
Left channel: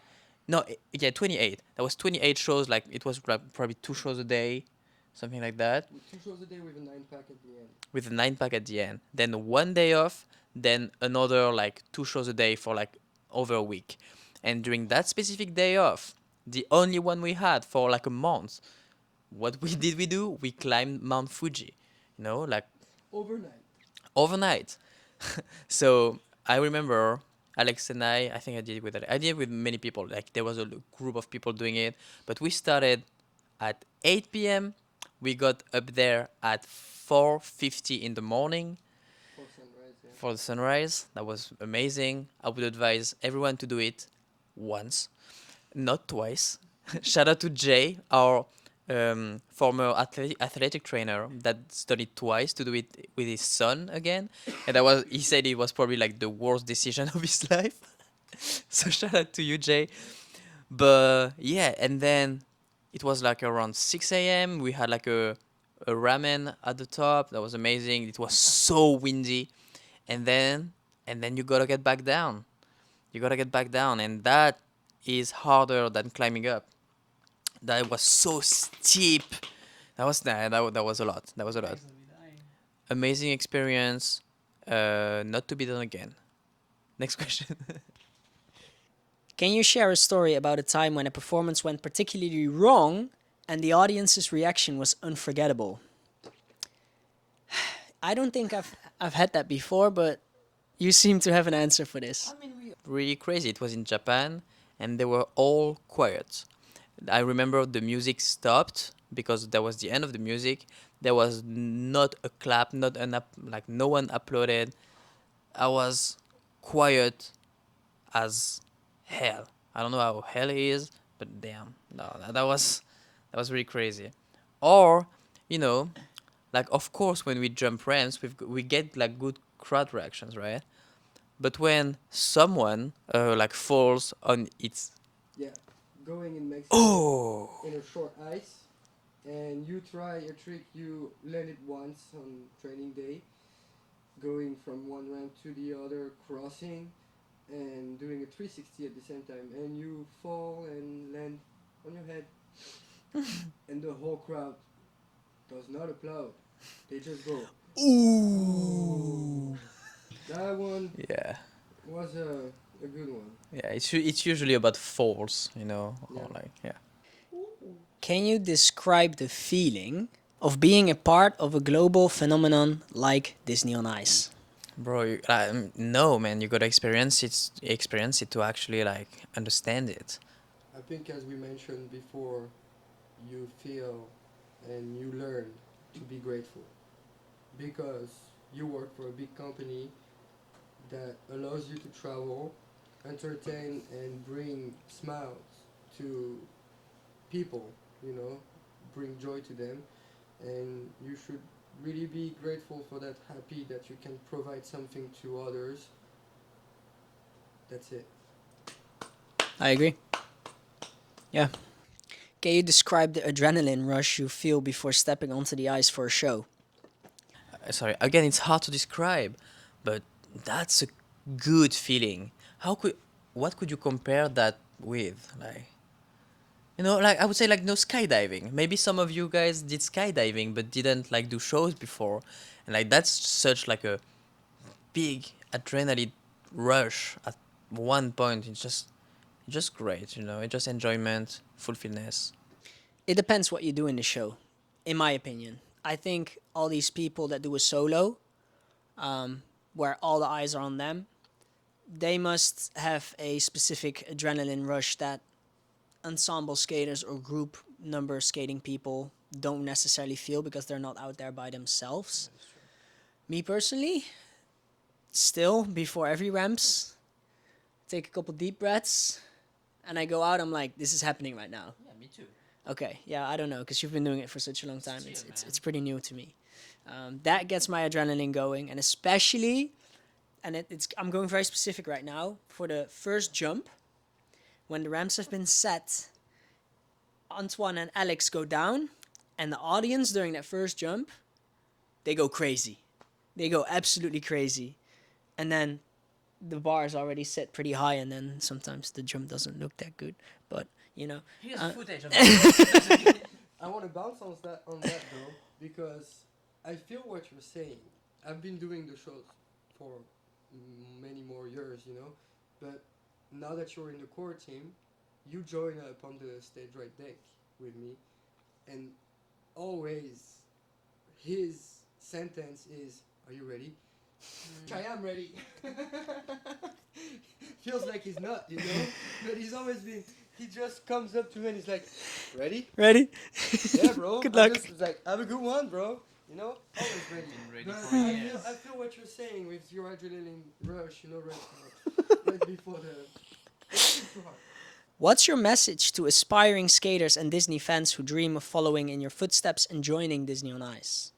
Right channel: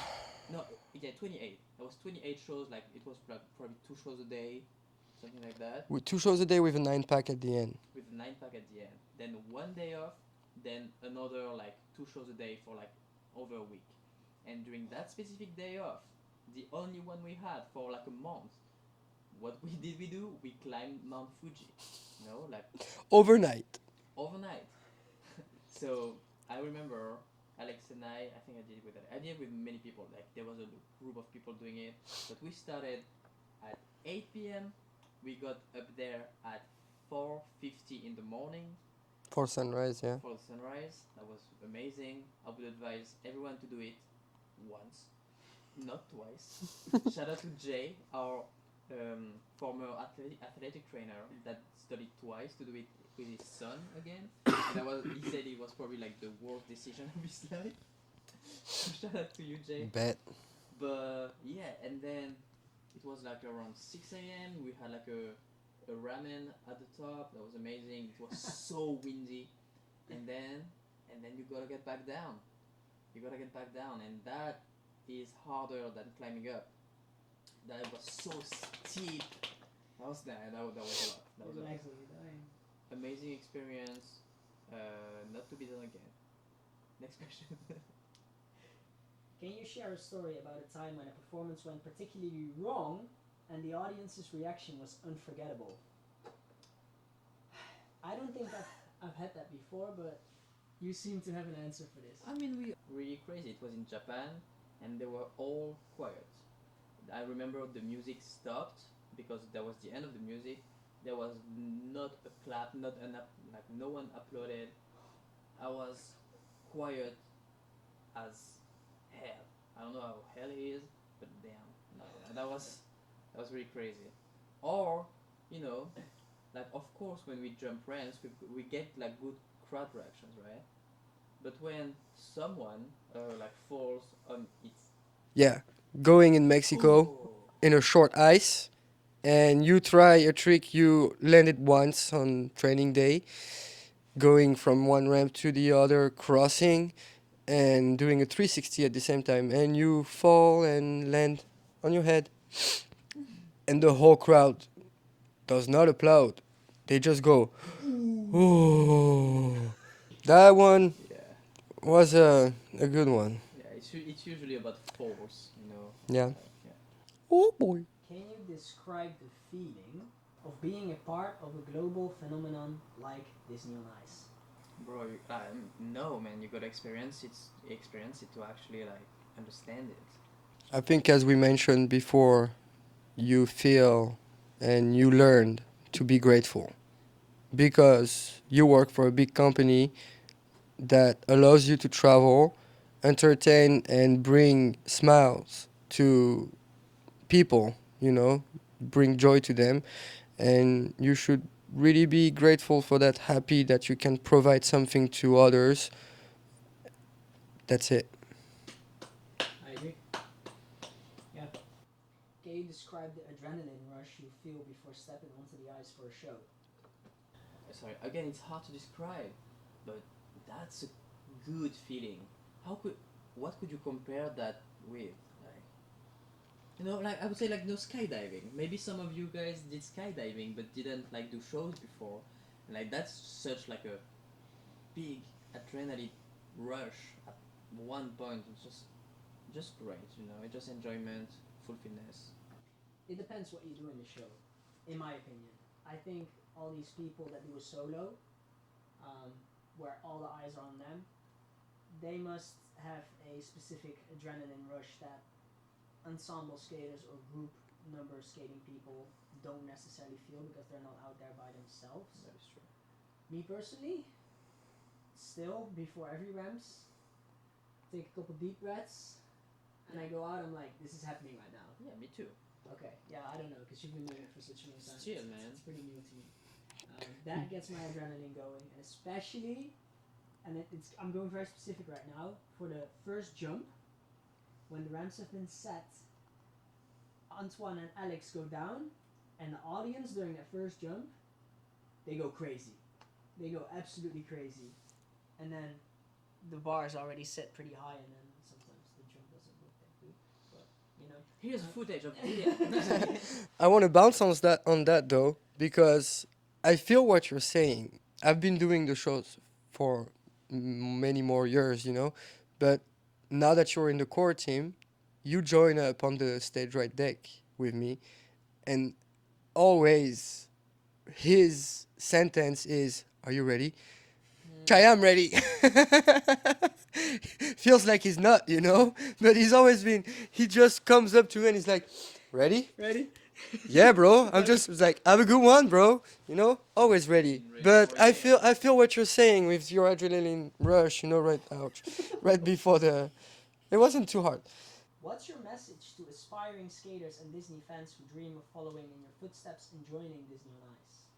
No, yeah, 28. That was 28 shows. Like it was probably 2 shows a day, something like that, With 2 shows a day with a 9 pack at the end. with a 9 pack at the end. Then 1 day off. Then another like 2 shows a day for like over a week. And during that specific day off, the only one we had for like a month, what we do? We climbed Mount Fuji. Like Overnight. overnight. So I remember Alex and I think I did it with I did it with many people. Like there was a group of people doing it, but we started at 8 p.m. We got up there at 4:50 in the morning For sunrise, yeah. for the sunrise. That was amazing. I would advise everyone to do it once, not twice. Shout out to Jay, our former athletic trainer, that studied twice to do it with his son again, and he said it was probably like the worst decision of his life. So shout out to you, Jay. Bet. But yeah, and then it was like around 6 a.m. We had like a ramen at the top. That was amazing. It was so windy, and then you gotta get back down. You gotta get back down, and that is harder than climbing up. That was so steep. That was a lot. That was a lot. Amazing experience. Not to be done again. Next question. Can you share a story about a time when a performance went particularly wrong and the audience's reaction was unforgettable? I don't think I've had that before, but you seem to have an answer for this. Really crazy. It was in Japan, and they were all quiet. I remember the music stopped because that was the end of the music. There was not a clap, not an like no one applauded. I was quiet as hell. I don't know how hell is, but damn, no, that was really crazy. Or, you know, like of course when we jump ramps, we get like good crowd reactions, right? But when someone like falls on its Yeah. Going in Mexico in a short ice, and you try a trick you landed once on training day, going from one ramp to the other, crossing, and doing a 360 at the same time, and you fall and land on your head, and the whole crowd does not applaud. They just go, ooh. That one yeah. was a good one. Yeah, it's usually about falls, you know. or Yeah. Like, yeah. Oh boy. Can you describe the feeling of being a part of a global phenomenon like Disney on Ice? Bro, no, man, you gotta experience it to actually like understand it. I think, as we mentioned before, you feel and you learn to be grateful because you work for a big company that allows you to travel, entertain, and bring smiles to people, bring joy to them. And you should really be grateful for that, happy that you can provide something to others. That's it. I agree. Yeah. Can you describe the adrenaline rush you feel before stepping onto the ice for a show? Sorry, again, it's hard to describe, but that's a good feeling. What could you compare that with? Like, You know, like I would say, like no skydiving. Maybe some of you guys did skydiving but didn't like do shows before, and like that's such like a big adrenaline rush at one point. It's just great, you know. It's just enjoyment, fulfillness. It depends what you do in the show, in my opinion. I think all these people that do a solo, where all the eyes are on them, they must have a specific adrenaline rush that ensemble skaters or group number skating people don't necessarily feel because they're not out there by themselves. Me personally, still before every ramps, take a couple deep breaths, and I go out. I'm like, this is happening right now. Yeah, me too. Okay, yeah, I don't know because you've been doing it for such a long time. It's pretty new to me. That gets my adrenaline going, and especially, and I'm going very specific right now for the first jump. When the ramps have been set, Antoine and Alex go down, and the audience during that first jump, they go crazy. They go absolutely crazy. And then the bar is already set pretty high, and then sometimes the jump doesn't look that good. But, you know. Here's footage of I want to bounce on that though, because I feel what you're saying. I've been doing the shows for many more years, you know, but now that you're in the core team, you join up on the stage right deck with me, and always his sentence is, "Are you ready?" I am ready. Feels like he's not, you know, but he's always been. He just comes up to me and he's like, "Ready?" Ready? Yeah, bro. Good I'm luck. just like, have a good one, bro. You know, always ready. But I feel what you're saying with your adrenaline rush. You know, right before the. It wasn't too hard. What's your message to aspiring skaters and Disney fans who dream of following in your footsteps and joining Disney on Ice?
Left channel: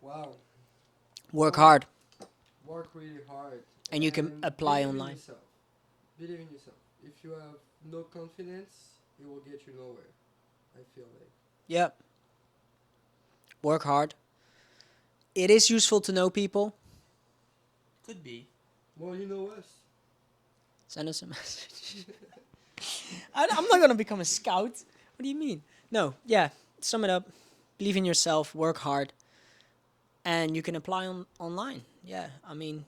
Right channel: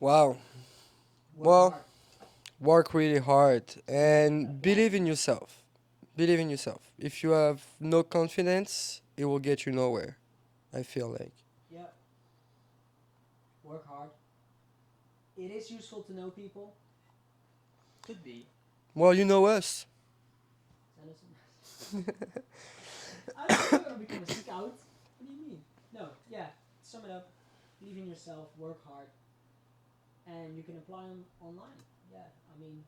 Wow. Work Well, hard. Work really hard And you can and apply believe in online. yourself. Believe in yourself. If you have no confidence, it will get you nowhere. I feel like. Yep. Work hard. It is useful to know people. Could be. Well, you know us. Send us a message. I'm not going to become a scout. What do you mean? No, yeah. Sum it up. Believe in yourself. Work hard. And you can apply online. Yeah, I mean,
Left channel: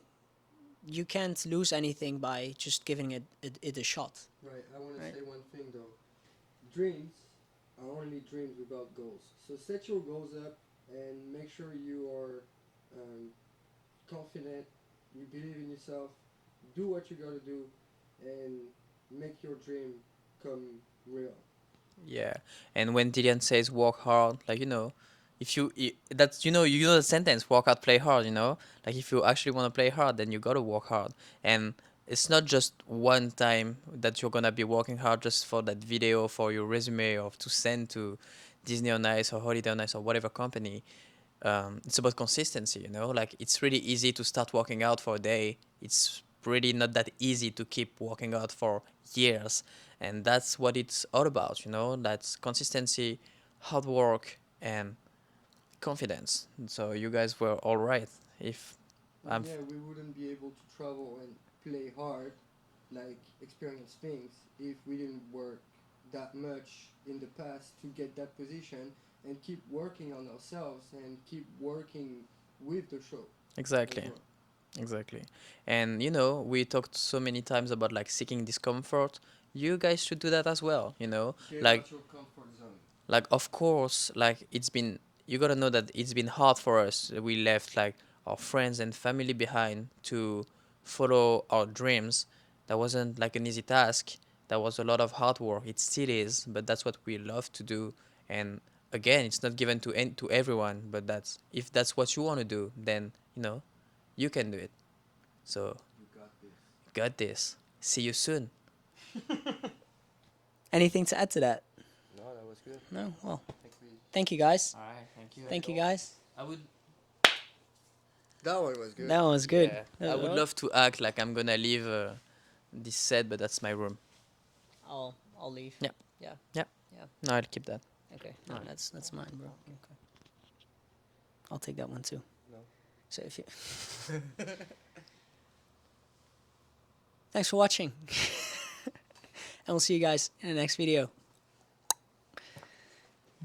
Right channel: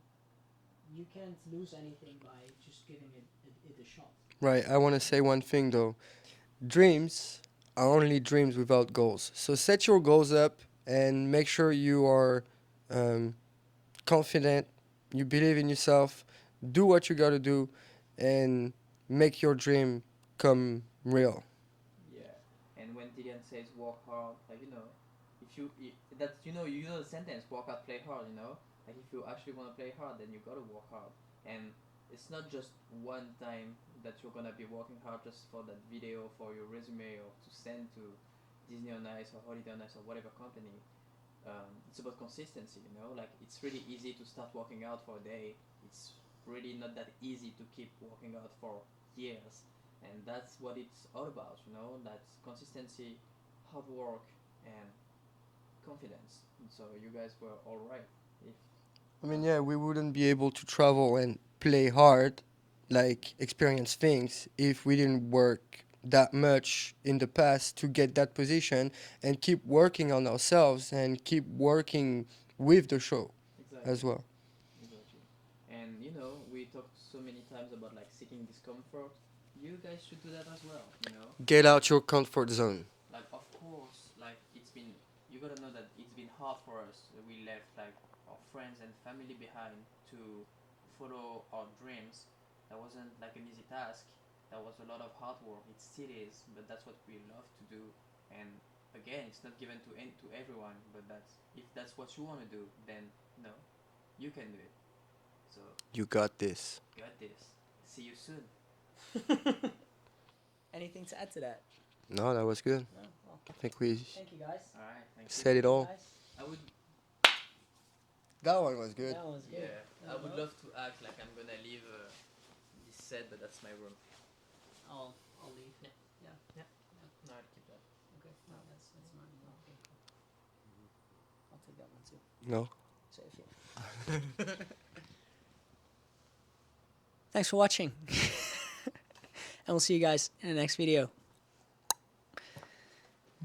you can't lose anything by just giving it a shot. Right. I want to say one thing though. Dreams are only dreams without goals. So set your goals up and make sure you are confident. You believe in yourself. Do what you got to do, and make your dream come real. Yeah, and when Dillian says work hard, like you know, if that's you know the sentence work hard, play hard. You know, like if you actually want to play hard, then you gotta work hard, and it's not just one time that you're gonna be working hard just for that video for your resume or to send to Disney on Ice or Holiday on Ice or whatever company. It's about consistency. You know, like it's really easy to start working out for a day. It's really not that easy to keep working out for years, and that's what it's all about, you know. That's consistency, hard work, and confidence. So you guys were all right. If I mean, I'm yeah, we wouldn't be able to travel and play hard, like experience things, if we didn't work that much in the past to get that position and keep working on ourselves and keep working with the show exactly, as well. exactly, and you know, we talked so many times about like seeking discomfort. You guys should do that as well. You know, Get like out your comfort zone. like of course, like it's been, you gotta know that it's been hard for us. We left like our friends and family behind to follow our dreams. That wasn't like an easy task. That was a lot of hard work. It still is, but that's what we love to do. And again, it's not given to everyone, but that's, if that's what you want to do, then you know, you can do it. So You got this. got this. See you soon. Anything to add to that? No, that was good. No? Well, I think we thank you guys. All right, thank said Thank it you all. guys. I would That one was good. That was good. I would love to act like I'm gonna leave this set, but that's my room. I'll leave. Yeah. Yeah. Yeah. Yeah. No, I'll keep that. Okay. No, that's mine, bro. Okay. I'll take that one too. No. So if you Thanks for watching. and we'll see you guys in the next video.